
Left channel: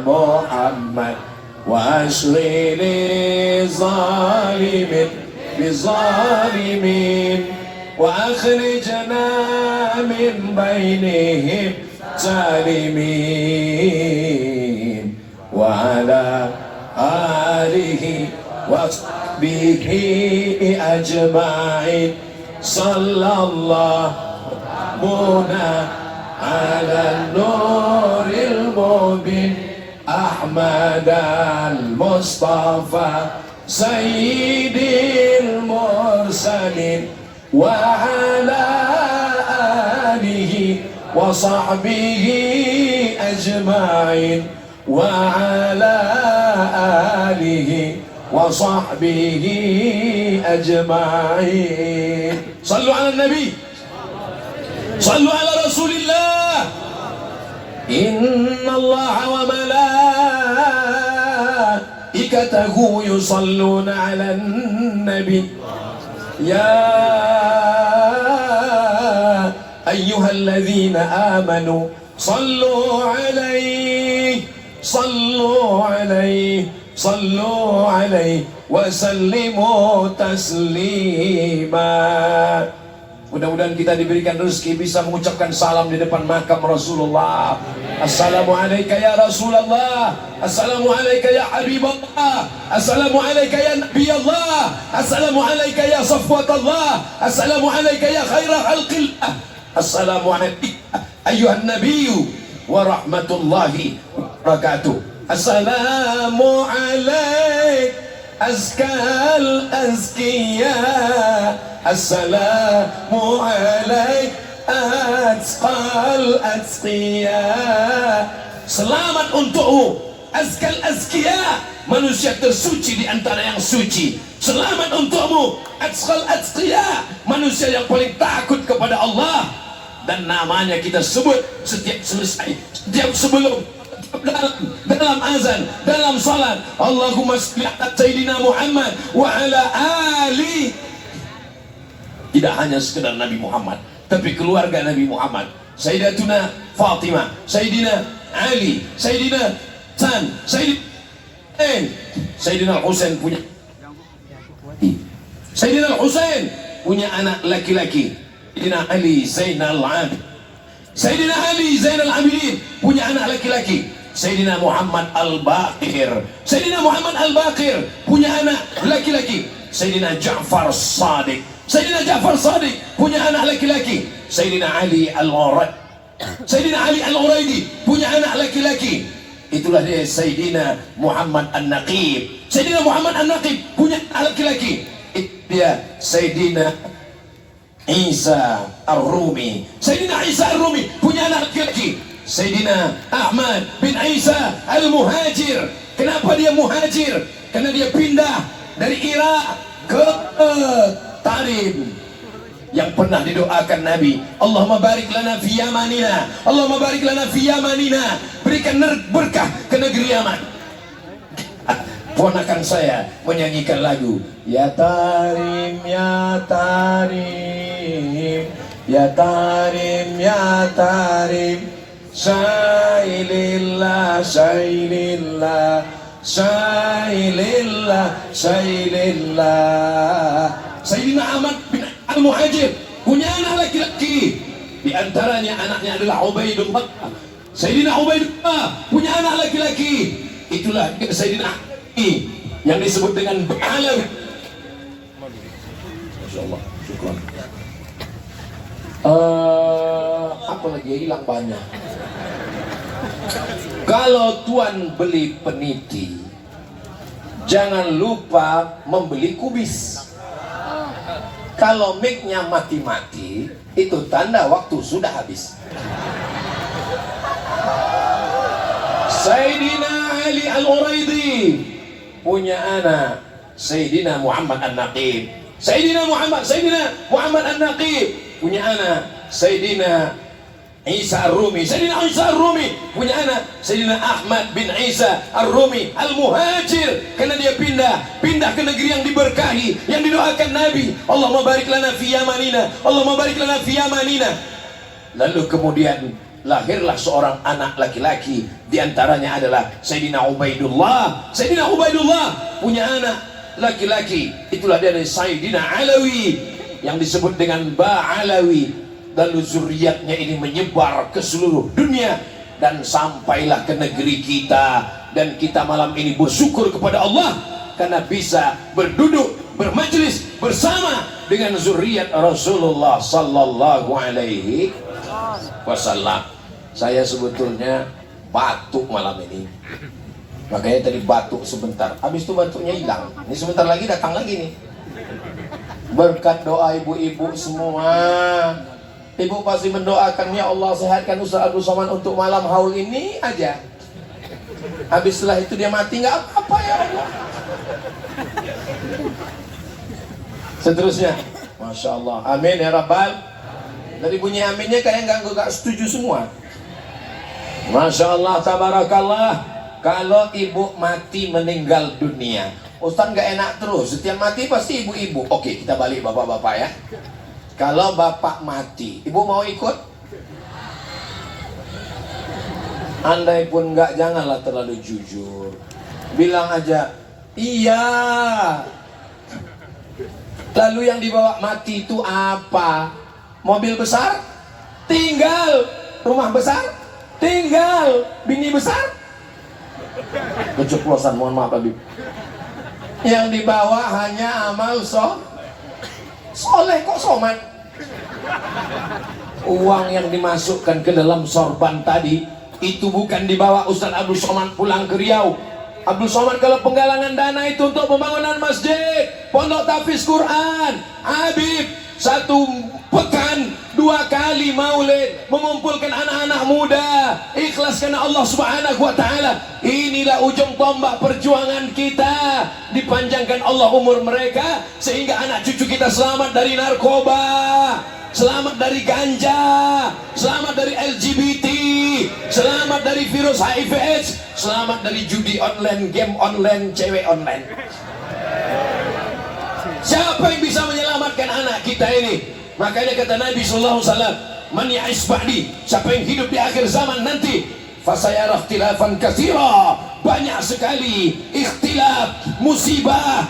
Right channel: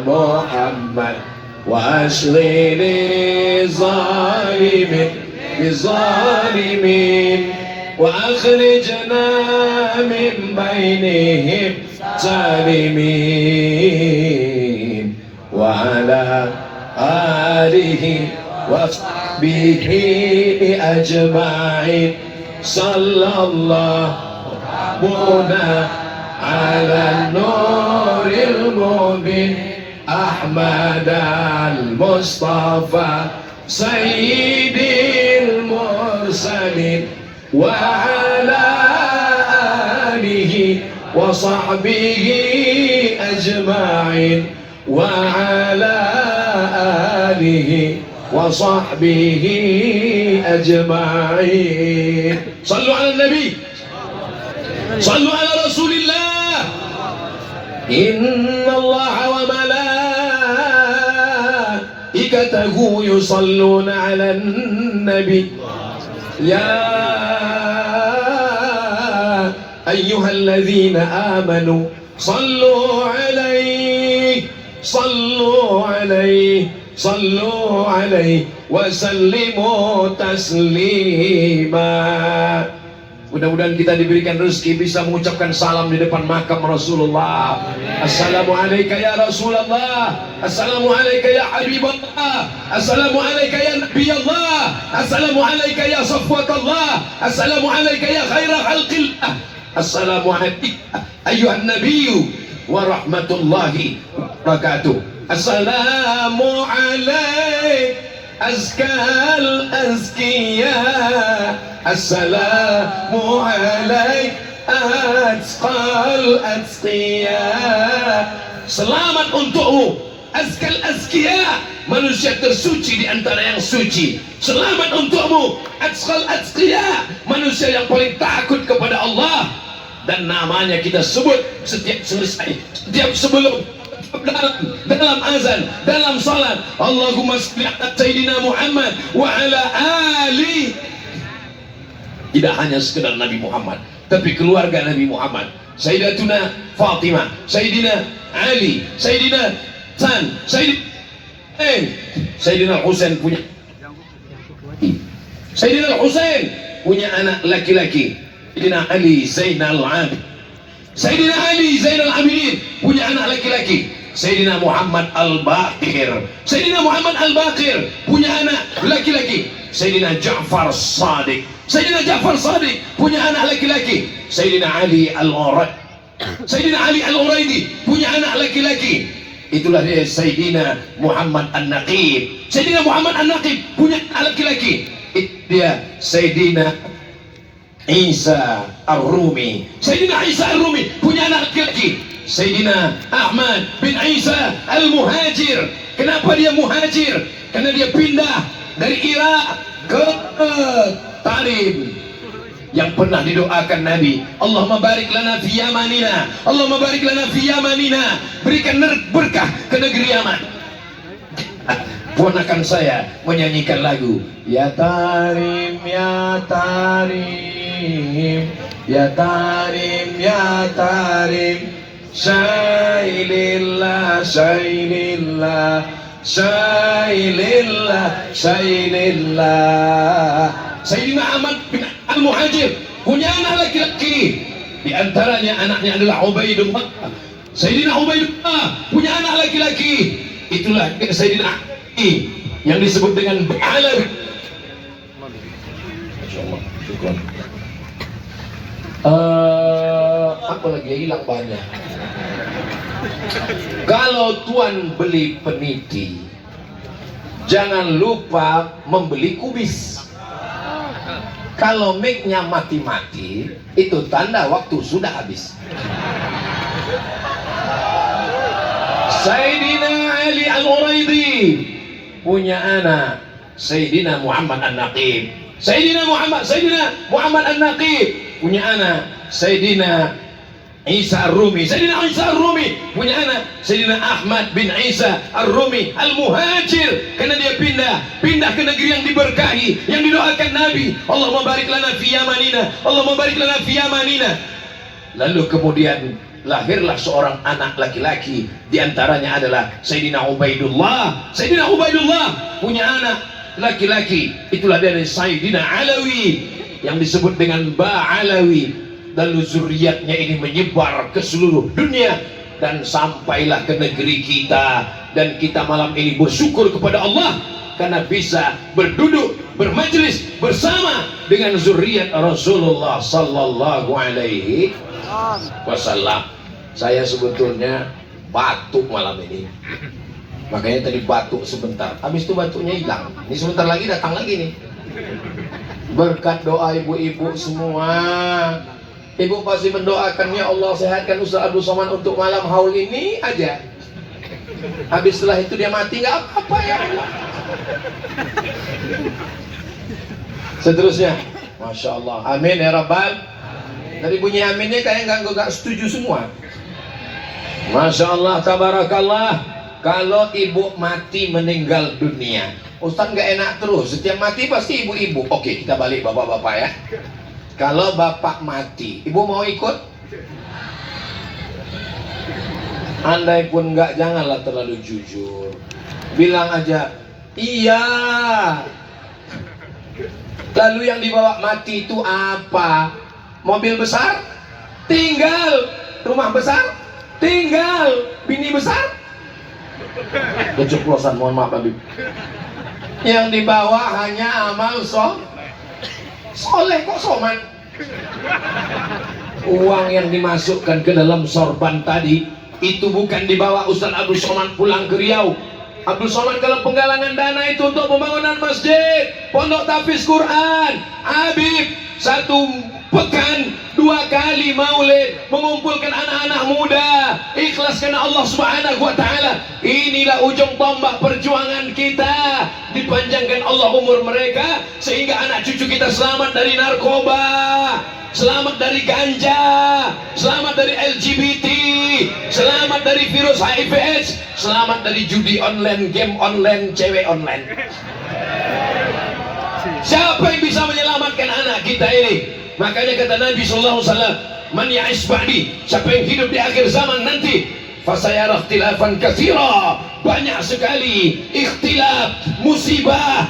Muhammad wa ashghili zalimin bizalimin wa akhrijna min bainihim zalimin وصحبه أجمعين صلى الله على النور المبين أحمد المصطفى سيد المرسلين وعلى آله وصحبه أجمعين وعلى آله وصحبه أجمعين صلوا على النبي صلوا على رسول الله إن الله وملائكته يصلون على النبي يا أيها الذين آمنوا صلوا عليه وسلموا تسليما. Mudah-mudahan kita diberikan rezeki bisa mengucapkan salam di depan makam Rasulullah. Assalamualaikum ya Rasulullah. Assalamualaikum ya Habiballah. Assalamualaikum ya Nabi Allah. Assalamualaikum ya Safwatullah. Assalamualaikum ya khaira khalqillah. Assalamualaikum ayuhan nabiyyu wa rahmatullahi wa barakatuh. Assalamualaikum azkal azkiya. Assalamu alaik azqal azkiya. Selamat untukmu azkal azkiya, manusia tersuci di antara yang suci. Selamat untukmu azqal azkiya, manusia yang paling takut kepada Allah. Dan namanya kita sebut setiap selesai, setiap sebelum, dalam azan, dalam salat. Allahumma salli ala Sayyidina Muhammad wa ala ali. Tidak hanya sekedar Nabi Muhammad, tapi keluarga Nabi Muhammad, Sayyidatuna Fatimah, Sayyidina Ali, Sayyidina Hasan, Sayyidina Husain punya Sayyidina Husain punya anak laki-laki, Sayyidina Ali Zainal Abidin. Sayyidina Ali Zainal Abidin punya anak laki-laki, Sayyidina Muhammad Al-Baqir. Sayyidina Muhammad Al-Baqir punya anak laki-laki, Sayyidina Ja'far Shadiq. Sayyidina Ja'far Shadiq punya anak laki-laki, Sayyidina Ali Al-Uraidi. Sayyidina Ali Al-Uraidi punya anak laki-laki. Itulah dia Sayyidina Muhammad An-Naqib. Sayyidina Muhammad An-Naqib punya anak laki-laki. Itu dia Sayyidina Isa Ar-Rumi. Sayyidina Isa Ar-Rumi punya anak laki-laki, Sayyidina Ahmad bin Isa Al-Muhajir. Kenapa dia muhajir? Karena dia pindah dari Irak ke Tarim, yang pernah didoakan Nabi, Allahumma barik lana fi Yamanina, Allahumma barik lana fi Yamanina, berikan berkah ke negeri Yaman. Ponakan saya menyanyikan lagu Ya Tarim, Ya Tarim, Ya Tarim, Ya Tarim, Syailillah, Syailillah, Syailillah, Syailillah. Sayyidina Ahmad bin Al-Muhajir punya anak laki-laki, di antaranya anaknya adalah Ubaidullah. Sayyidina Ubaidullah punya anak laki-laki, itulah Sayyidina Ali yang disebut dengan Ba'alawi. Masyaallah, syukur. Apa lagi hilang banyak. Kalau tuan beli peniti, jangan lupa membeli kubis. Kalau mic-nya mati-mati, itu tanda waktu sudah habis. Sayyidina Ali Al-Uraidi punya anak Sayyidina Muhammad An-Naqib. Sayyidina Muhammad An-Naqib punya anak Sayyidina Isa Ar-Rumi. Sayyidina Isa Ar-Rumi punya anak Sayyidina Ahmad bin Isa Ar-Rumi Al-Muhajir, karena dia pindah ke negeri yang diberkahi, yang didoakan Nabi, Allahumma barik lana fi Yamanina, Allahumma barik lana fi Yamanina. Lalu kemudian lahirlah seorang anak laki-laki, di antaranya adalah Sayyidina Ubaidullah. Sayyidina Ubaidullah punya anak laki-laki, itulah dari Sayyidina Alawi yang disebut dengan Ba'alawi. Lalu zuriatnya ini menyebar ke seluruh dunia dan sampailah ke negeri kita. Dan kita malam ini bersyukur kepada Allah karena bisa berduduk bermajlis bersama dengan zuriat Rasulullah sallallahu alaihi wasallam. Saya sebetulnya batuk malam ini, makanya tadi batuk sebentar, habis itu batuknya hilang. Ini sebentar lagi datang lagi nih. Berkat doa ibu-ibu semua, ibu pasti mendoakan, ya Allah sehatkan Ustaz Abdul Somad untuk malam haul ini aja. Habis setelah itu dia mati nggak apa-apa ya Allah. Seterusnya, Masya Allah, amin ya Rabbal. Dari bunyi aminnya kayak nggak setuju semua. Masya Allah, tabarakallah. Kalau ibu mati meninggal dunia, Ustaz nggak enak terus, setiap mati pasti ibu-ibu. Oke, kita balik bapak-bapak ya. Kalau bapak mati, ibu mau ikut? Andai pun nggak, janganlah terlalu jujur. Bilang aja, iya. Lalu yang dibawa mati itu apa? Mobil besar? Tinggal. Rumah besar? Tinggal. Bini besar? Keceplosan, mohon maaf Habib. Yang dibawa hanya amal soleh, kok somad. Uang yang dimasukkan ke dalam sorban tadi itu bukan dibawa Ustaz Abdul Somad pulang ke Riau. Abdul Somad kalau penggalangan dana itu untuk pembangunan masjid, pondok tahfiz Quran, Habib satu pekan 2 kali maulid, mengumpulkan anak-anak muda, ikhlas karena Allah Subhanahu wa taala. Inilah ujung tombak perjuangan kita. Dipanjangkan Allah umur mereka sehingga anak cucu kita selamat dari narkoba, selamat dari ganja, selamat dari LGBT, selamat dari virus HIV/AIDS, selamat dari judi online, game online, cewek online. Siapa yang bisa menyelamatkan anak kita ini? Makanya kata Nabi sallallahu alaihi wasallam, "Man ya'ish ba'di", siapa yang hidup di akhir zaman nanti, fasayara ikhtilafan katsira, banyak sekali ikhtilaf, musibah,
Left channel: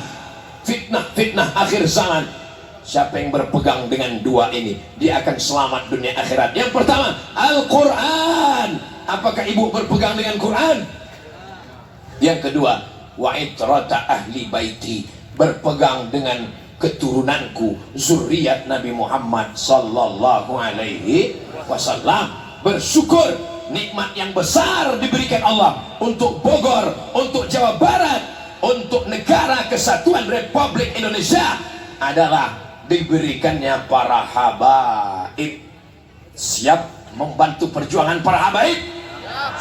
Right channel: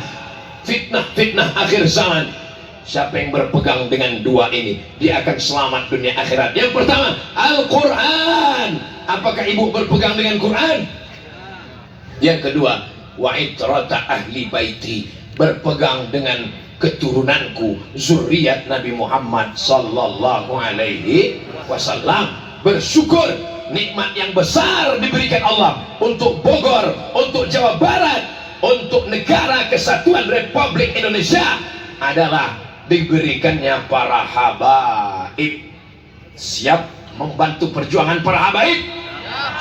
fitnah akhir zaman. Siapa yang berpegang dengan dua ini, dia akan selamat dunia akhirat. Yang pertama, Al-Quran. Apakah ibu berpegang dengan Quran? Yang kedua, wa itrata ahli baiti, berpegang dengan keturunanku, zuriat Nabi Muhammad sallallahu alaihi wasallam. Bersyukur nikmat yang besar diberikan Allah untuk Bogor, untuk Jawa Barat, untuk negara kesatuan Republik Indonesia adalah diberikannya para habaib. Siap membantu perjuangan para habaib?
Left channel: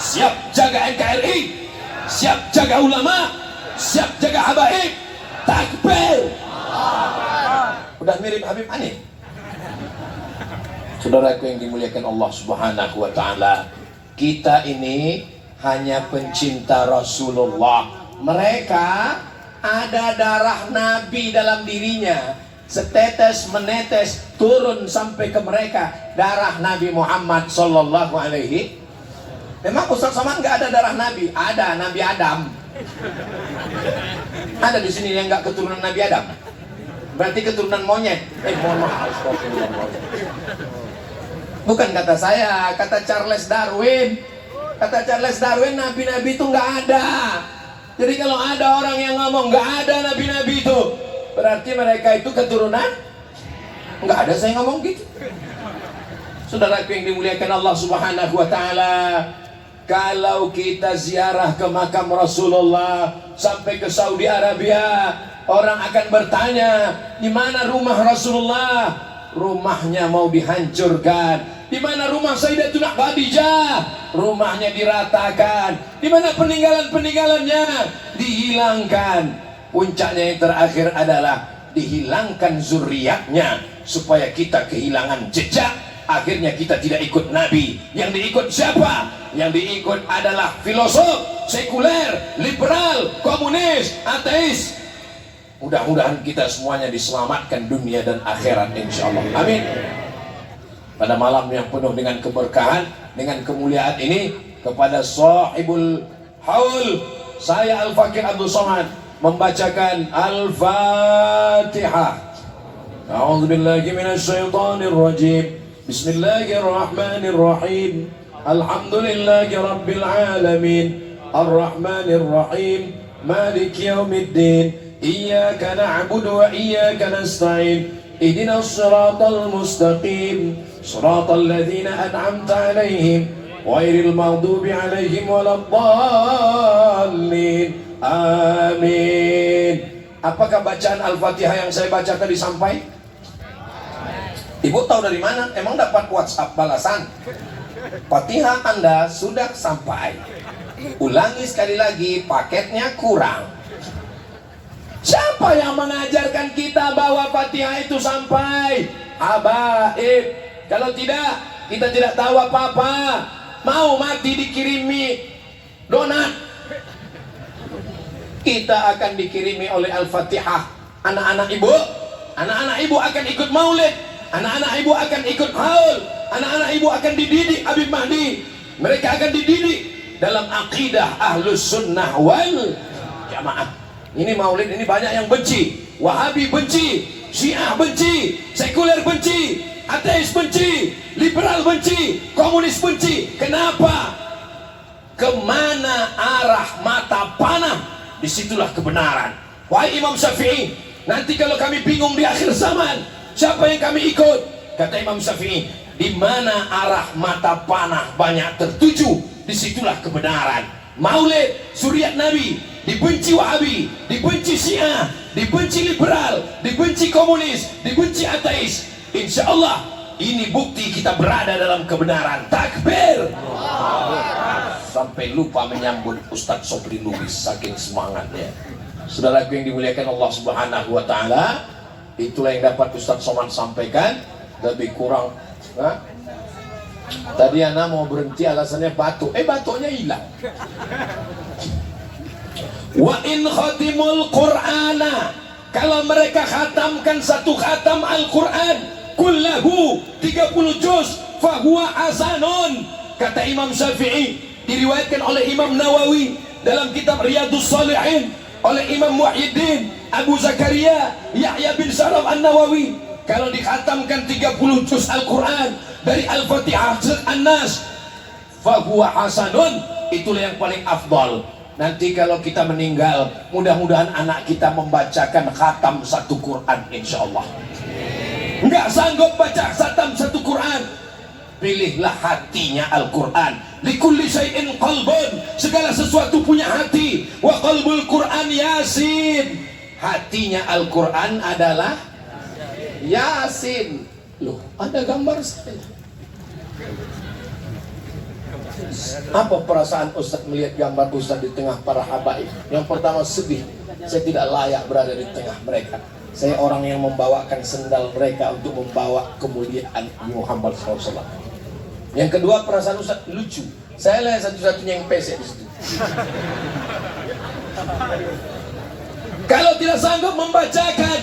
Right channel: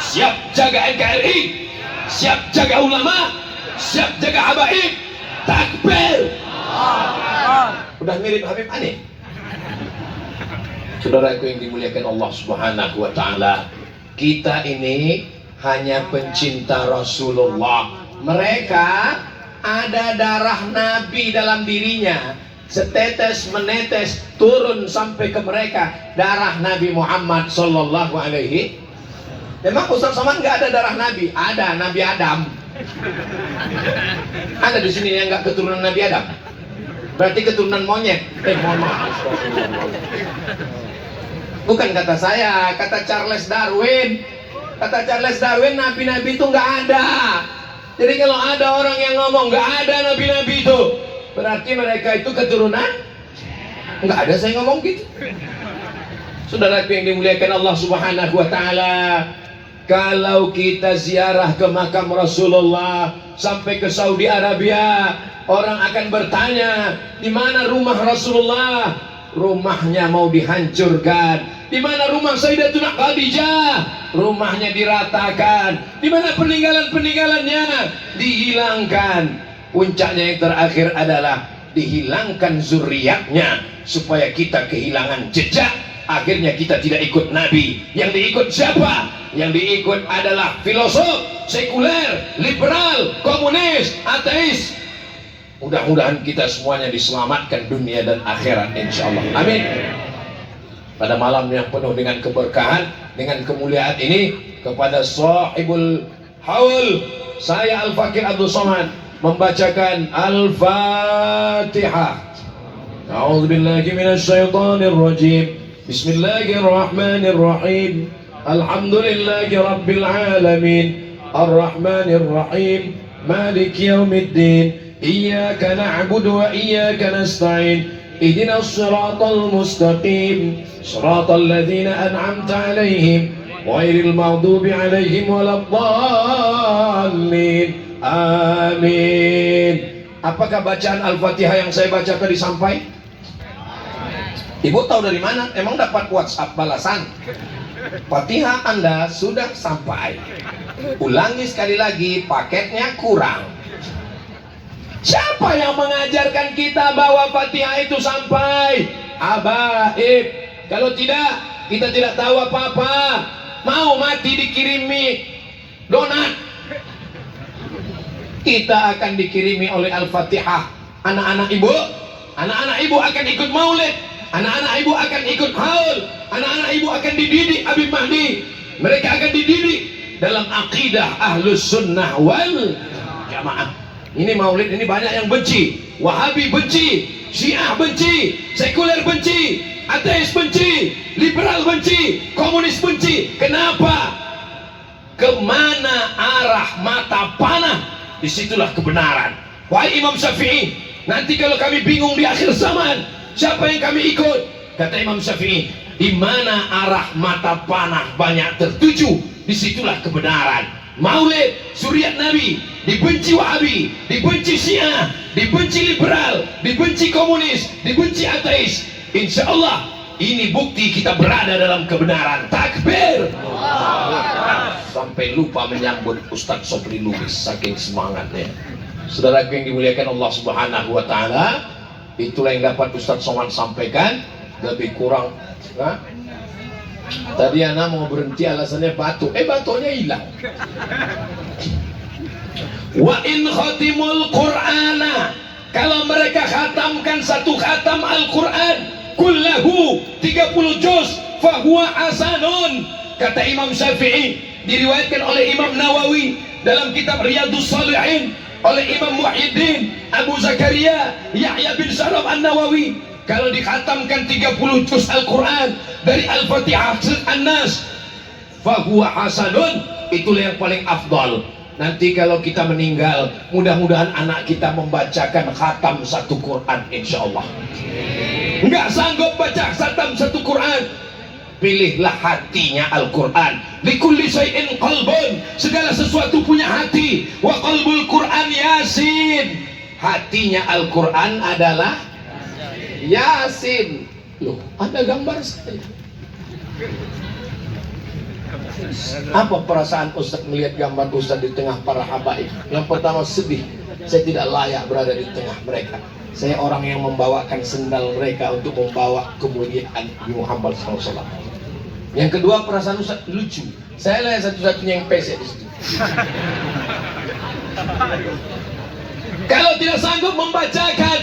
Siap jaga NKRI? Siap jaga ulama? Siap jaga habaib? Takbir! Udah mirip Habib Hanif. Saudaraku yang dimuliakan Allah Subhanahu wa taala, kita ini hanya pencinta Rasulullah. Mereka ada darah Nabi dalam dirinya, setetes menetes turun sampai ke mereka darah Nabi Muhammad sallallahu alaihi. Memang Ustaz Somad nggak ada darah Nabi? Ada, Nabi Adam. Ada di sini yang nggak keturunan Nabi Adam? Berarti keturunan monyet. Mohon maaf. Bukan kata saya, kata Charles Darwin. Kata Charles Darwin, nabi-nabi itu nggak ada. Jadi kalau ada orang yang ngomong nggak ada nabi-nabi itu, berarti mereka itu keturunan? Nggak ada, saya ngomong gitu. Saudaraku yang dimuliakan Allah Subhanahu wa taala, kalau kita ziarah ke makam Rasulullah sampai ke Saudi Arabia, orang akan bertanya, di mana rumah Rasulullah? Rumahnya mau dihancurkan. Di mana rumah Sayyidatuna Khadijah? Rumahnya diratakan. Di mana peninggalan-peninggalannya? Dihilangkan. Puncaknya yang terakhir adalah dihilangkan zuriatnya supaya kita kehilangan jejak. Akhirnya kita tidak ikut Nabi. Yang diikut siapa? Yang diikut adalah filosof, sekuler, liberal, komunis, ateis. Mudah-mudahan kita semuanya diselamatkan dunia dan akhirat insyaallah. Amin. Pada malam yang penuh dengan keberkahan, dengan kemuliaan ini, kepada sahibul haul, saya Al-Fakir Abdul Somad membacakan Al-Fatihah. A'udzubillahi minasyaitonir rajim. Bismillahirrahmanirrahim. Alhamdulillahi rabbil alamin. Ar-Rahmanir Rahim. مالك يوم الدين إياك نعبد وإياك نستعين اهدنا الصراط المستقيم صراط الذين أنعمت عليهم غير المغضوب عليهم ولا الضالين amin. Apakah bacaan Al-Fatihah yang saya baca tadi sampai? Ibu tahu dari mana? Emang dapat WhatsApp balasan? Fatihah Anda sudah sampai. Ulangi sekali lagi, paketnya kurang. Siapa yang mengajarkan kita bahwa Fatihah itu sampai? Habaib. Kalau tidak, kita tidak tahu apa-apa. Mau mati dikirimi donat, kita akan dikirimi oleh Al-Fatihah. Anak-anak ibu akan ikut maulid, anak-anak ibu akan ikut haul, anak-anak ibu akan dididik Habib Mahdi. Mereka akan dididik dalam akidah Ahlus Sunnah wal Jamaah. Ini maulid ini banyak yang benci. Wahabi benci, Syiah benci, sekuler benci, ateis benci, liberal benci, komunis benci. Kenapa? Kemana arah mata panah, disitulah kebenaran. Wahai Imam Syafi'i, nanti kalau kami bingung di akhir zaman, siapa yang kami ikut? Kata Imam Syafi'i, di mana arah mata panah banyak tertuju, disitulah kebenaran. Maulid, suriat Nabi, dibenci Wahabi, dibenci Syiah, dibenci liberal, dibenci komunis, dibenci ateis. Insya Allah ini bukti kita berada dalam kebenaran. Takbir. Sampai lupa menyambut Ustadz Sobri Lubis saking semangatnya. Saudaraku yang dimuliakan Allah Subhanahu wa taala, itulah yang dapat Ustadz Somad sampaikan. Lebih kurang tadi anak mau berhenti alasannya batuk, batuknya hilang. Wa in khatimul Qur'ana, kalau mereka khatamkan satu khatam Al-Quran kullahu 30 juz fahuwa hasanun. Kata Imam Syafi'i, diriwayatkan oleh Imam Nawawi dalam kitab Riyadhus Shalihin, oleh Imam Muhyiddin Abu Zakaria Yahya bin Sharaf An-Nawawi, kalau dikhatamkan 30 juz Al-Quran dari Al-Fatihah An-Nas fahuwa hasanun, itulah yang paling afdal. Nanti kalau kita meninggal, mudah-mudahan anak kita membacakan khatam satu Quran, insya Allah. Nggak sanggup baca khatam satu Quran, pilihlah hatinya Al-Quran. Likulli syai'in qalbun, segala sesuatu punya hati. Wa qalbul Quran Yasin, hatinya Al-Quran adalah Yasin. Loh, ada gambar saya. Apa perasaan Ustaz melihat gambar Ustaz di tengah para habaib? Yang pertama sedih, saya tidak layak berada di tengah mereka. Saya orang yang membawakan sendal mereka untuk membawa kemuliaan Nabi Muhammad SAW. Yang kedua perasaan Ustaz lucu, saya lah satu-satunya yang pesek di situ. Kalau tidak sanggup membacakan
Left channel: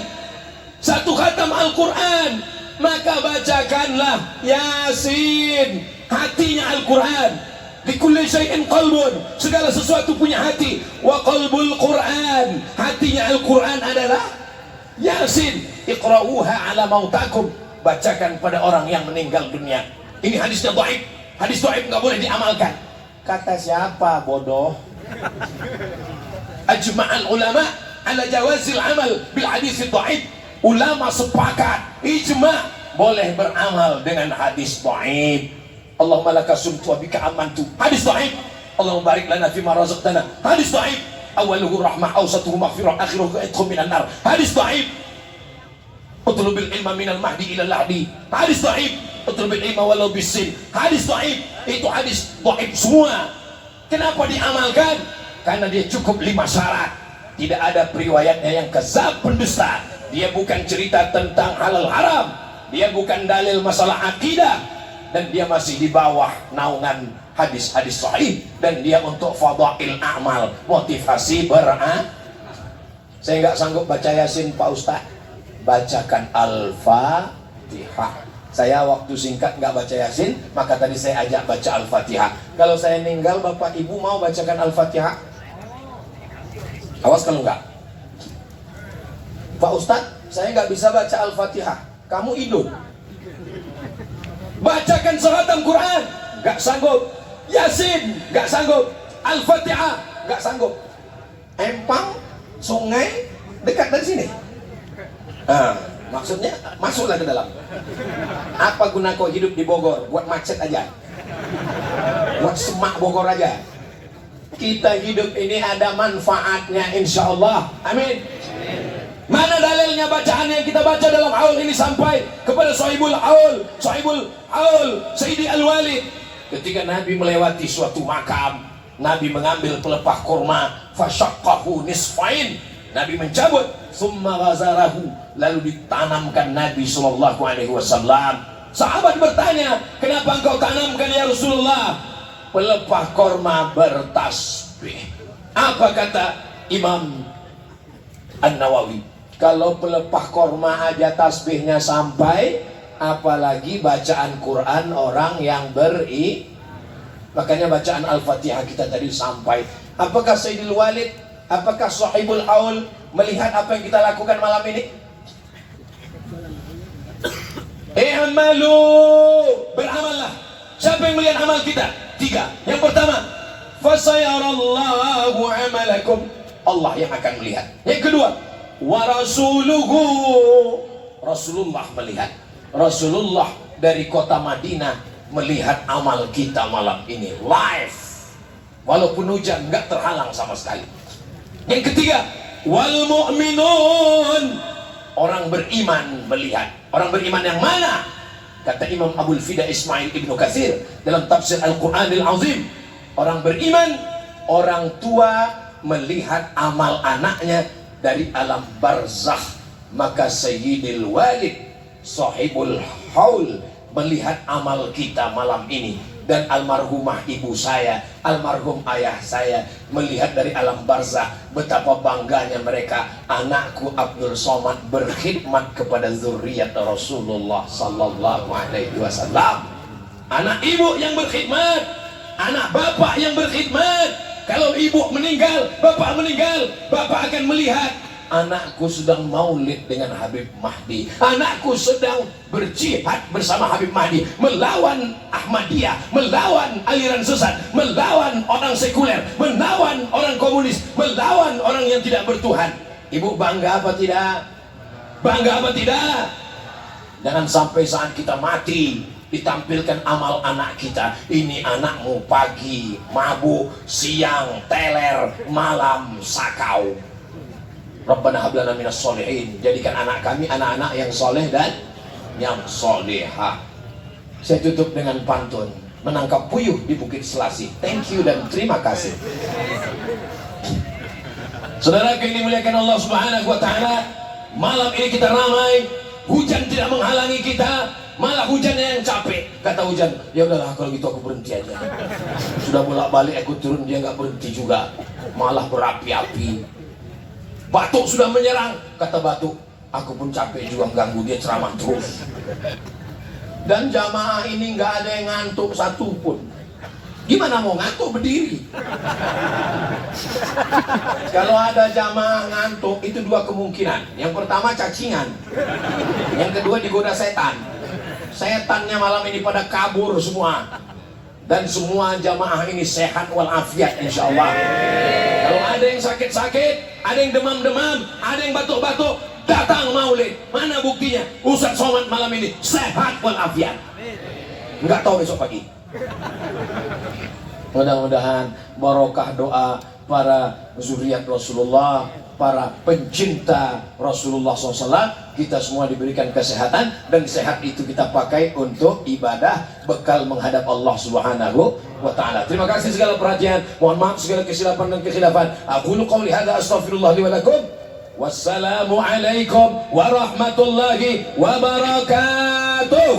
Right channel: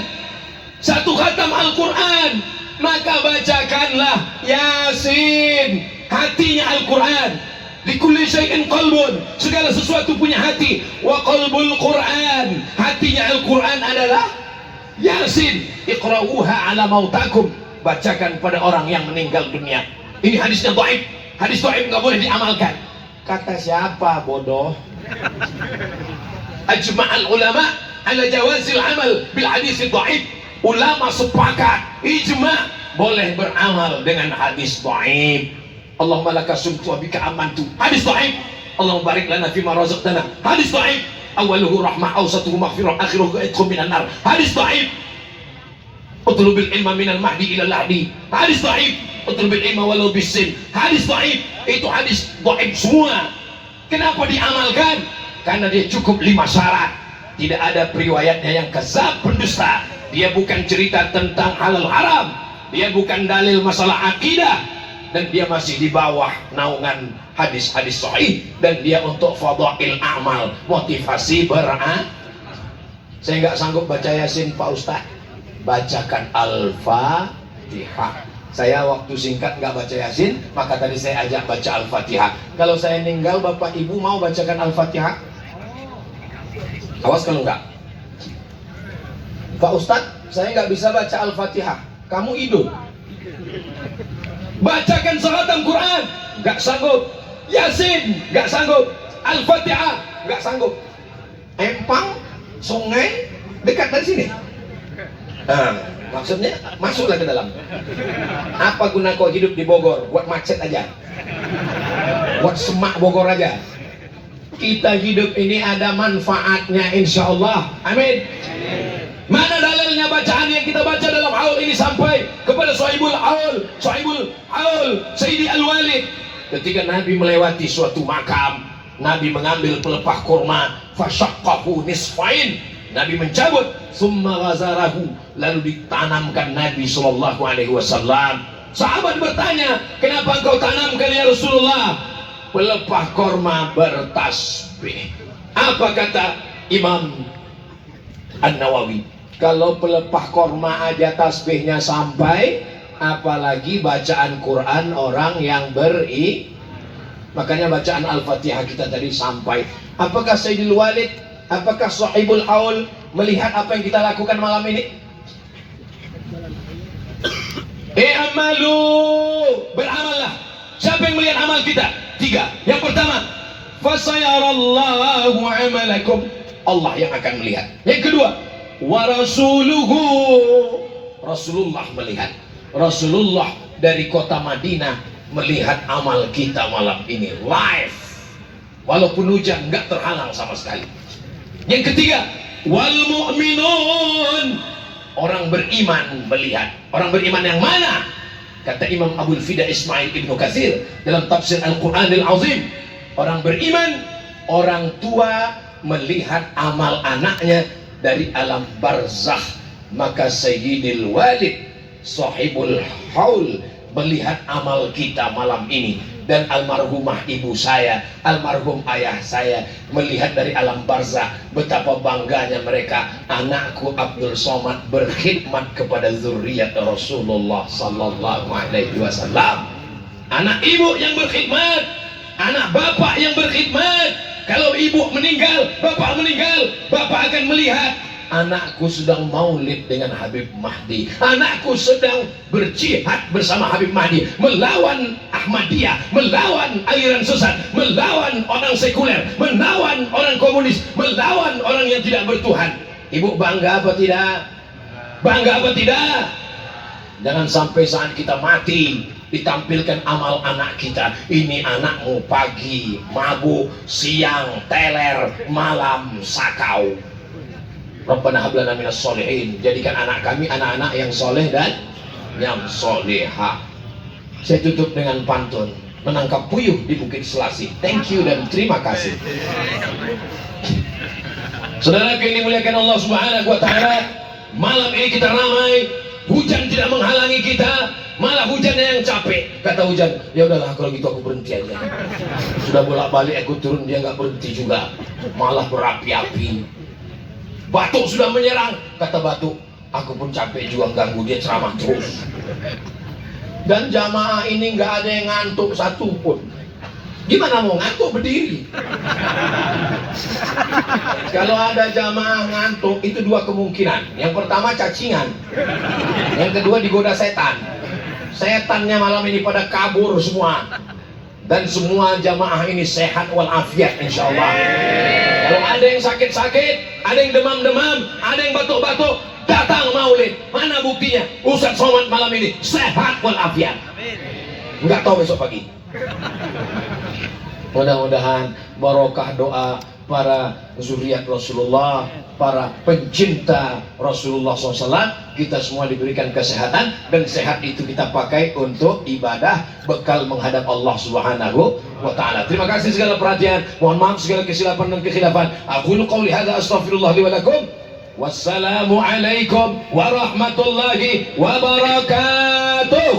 satu khatam Al-Quran, maka bacakanlah Yasin, hatinya Al-Quran. Likulli syai'in qalbun, segala sesuatu punya hati. Wa qalbul Quran, hatinya Al-Quran adalah Yasin. Iqra'uha ala mautakum, bacakan pada orang yang meninggal dunia. Ini hadisnya dhaif, hadis dhaif nggak boleh diamalkan. Kata siapa bodoh? Ajma'al ulama ala jawazil amal bil hadis dhaif. Ulama sepakat ijma' boleh beramal dengan hadis dhaif. Allahumma laka sumtu wa bika amantu, hadis dhaif. Allahumma barik lana fima razaqtana, hadis dhaif. Awaluhu rahmah, awsatuhu maghfirah, akhiruhu idkhul minan nar, hadis dhaif. Utlubil ilma minal mahdi ila lahdi, hadis dhaif. Utlubil ilma walau bisin, hadis dhaif. Itu hadis dhaif semua. Kenapa diamalkan? Karena dia cukup 5 syarat. Tidak ada periwayatnya yang kadzab, pendusta. Dia bukan cerita tentang halal haram, dia bukan dalil masalah akidah, dan dia masih di bawah naungan hadis-hadis sahih, dan dia untuk fadail amal, motivasi beramal. Saya nggak sanggup baca Yasin Pak Ustaz, bacakan Al-Fatihah. Saya waktu singkat nggak baca Yasin, maka tadi saya ajak baca Al-Fatihah. Kalau saya meninggal, Bapak Ibu mau bacakan Al-Fatihah? Awas kalau enggak. Pak Ustaz, saya nggak bisa baca Al-Fatihah. Kamu idul. Bacakan khatam Quran, nggak sanggup. Yasin, nggak sanggup. Al-Fatihah, nggak sanggup. empang, sungai dekat dari sini. Nah, maksudnya masuklah ke dalam. Apa guna kau hidup di Bogor? Buat macet aja, buat semak Bogor aja. Kita hidup ini ada manfaatnya, insya Allah. Amin. Mana dalilnya bacaan yang kita baca dalam haul ini sampai kepada Sahibul Haul, Sayyidi Al-Walid. Ketika Nabi melewati suatu makam, Nabi mengambil pelepah kurma, fasyaqqahu nisfain. Nabi mencabut, summa ghazarahu, lalu ditanamkan Nabi SAW. Sahabat bertanya, kenapa engkau tanamkan ya Rasulullah? Pelepah kurma bertasbih. Apa kata Imam An-Nawawi? Kalau pelepah kurma aja tasbihnya sampai, apalagi bacaan Quran orang yang makanya bacaan Al-Fatihah kita tadi sampai. Apakah Sayyidul Walid, apakah Sahibul Haul melihat apa yang kita lakukan malam ini? I'malu, beramallah. Siapa yang melihat amal kita? 3. Yang pertama, fasayarallahu amalakum, Allah yang akan melihat. Yang kedua, wa rasuluhu, Rasulullah melihat. Rasulullah dari kota Madinah melihat amal kita malam ini live, walaupun hujan nggak terhalang sama sekali. Yang ketiga, wal mu'minun, orang beriman melihat. Orang beriman yang mana? Kata Imam Abul Fida Ismail Ibnu Katsir dalam tafsir Al-Quranil Azim, orang beriman, orang tua melihat amal anaknya dari alam barzakh. Maka Sayyidil Walid, Sahibul Haul, melihat amal kita malam ini. Dan almarhumah ibu saya, almarhum ayah saya melihat dari alam barzakh betapa bangganya mereka. Anakku Abdul Somad berkhidmat kepada zuriat Rasulullah sallallahu alaihi wasallam. Anak ibu yang berkhidmat, anak bapak yang berkhidmat. Kalau ibu meninggal, bapak meninggal, bapak akan melihat anakku sedang maulid dengan Habib Mahdi, anakku sedang berjihad bersama Habib Mahdi, melawan Ahmadiyah, melawan aliran sesat, melawan orang sekuler, melawan orang komunis, melawan orang yang tidak bertuhan. Ibu bangga apa tidak? Bangga apa tidak? Jangan sampai saat kita mati ditampilkan amal anak kita. Ini anakmu pagi mabuk, siang teler, malam sakau. Rabbana hab lana minas sholihin, jadikan anak kami anak-anak yang soleh dan yang solehah. Saya tutup dengan pantun, menangkap puyuh di Bukit Selasih. Thank you dan terima kasih. Saudara yang dimuliakan Allah Subhanahu wa taala, malam ini kita ramai, hujan tidak menghalangi kita, malah hujannya yang capek. Kata hujan, ya udahlah kalau gitu aku berhenti aja. Sudah bolak-balik aku turun, dia nggak berhenti juga, malah berapi-api. Batuk sudah menyerang, kata batuk, aku pun capek juga ganggu dia ceramah terus. Dan jamaah ini nggak ada yang ngantuk satu pun. Gimana mau ngantuk berdiri? Kalau ada jamaah ngantuk, itu 2 kemungkinan. Yang pertama cacingan, yang kedua digoda setan. Setannya malam ini pada kabur semua. Dan semua jamaah ini sehat walafiat insya Allah. Kalau ada yang sakit-sakit, ada yang demam-demam, ada yang batuk-batuk, datang maulid. Mana buktinya? Ustaz Somad malam ini sehat walafiat. Enggak tahu besok pagi. Mudah-mudahan barokah doa para zuriat Rasulullah, para pencinta Rasulullah SAW, kita semua diberikan kesehatan, dan sehat itu kita pakai untuk ibadah, bekal menghadap Allah Subhanahu wa ta'ala. Terima kasih segala perhatian, mohon maaf segala kesilapan dan kekhilafan. Aqulu qawli hadza astaghfirullah li wa lakum. Wassalamu alaikum warahmatullahi wabarakatuh.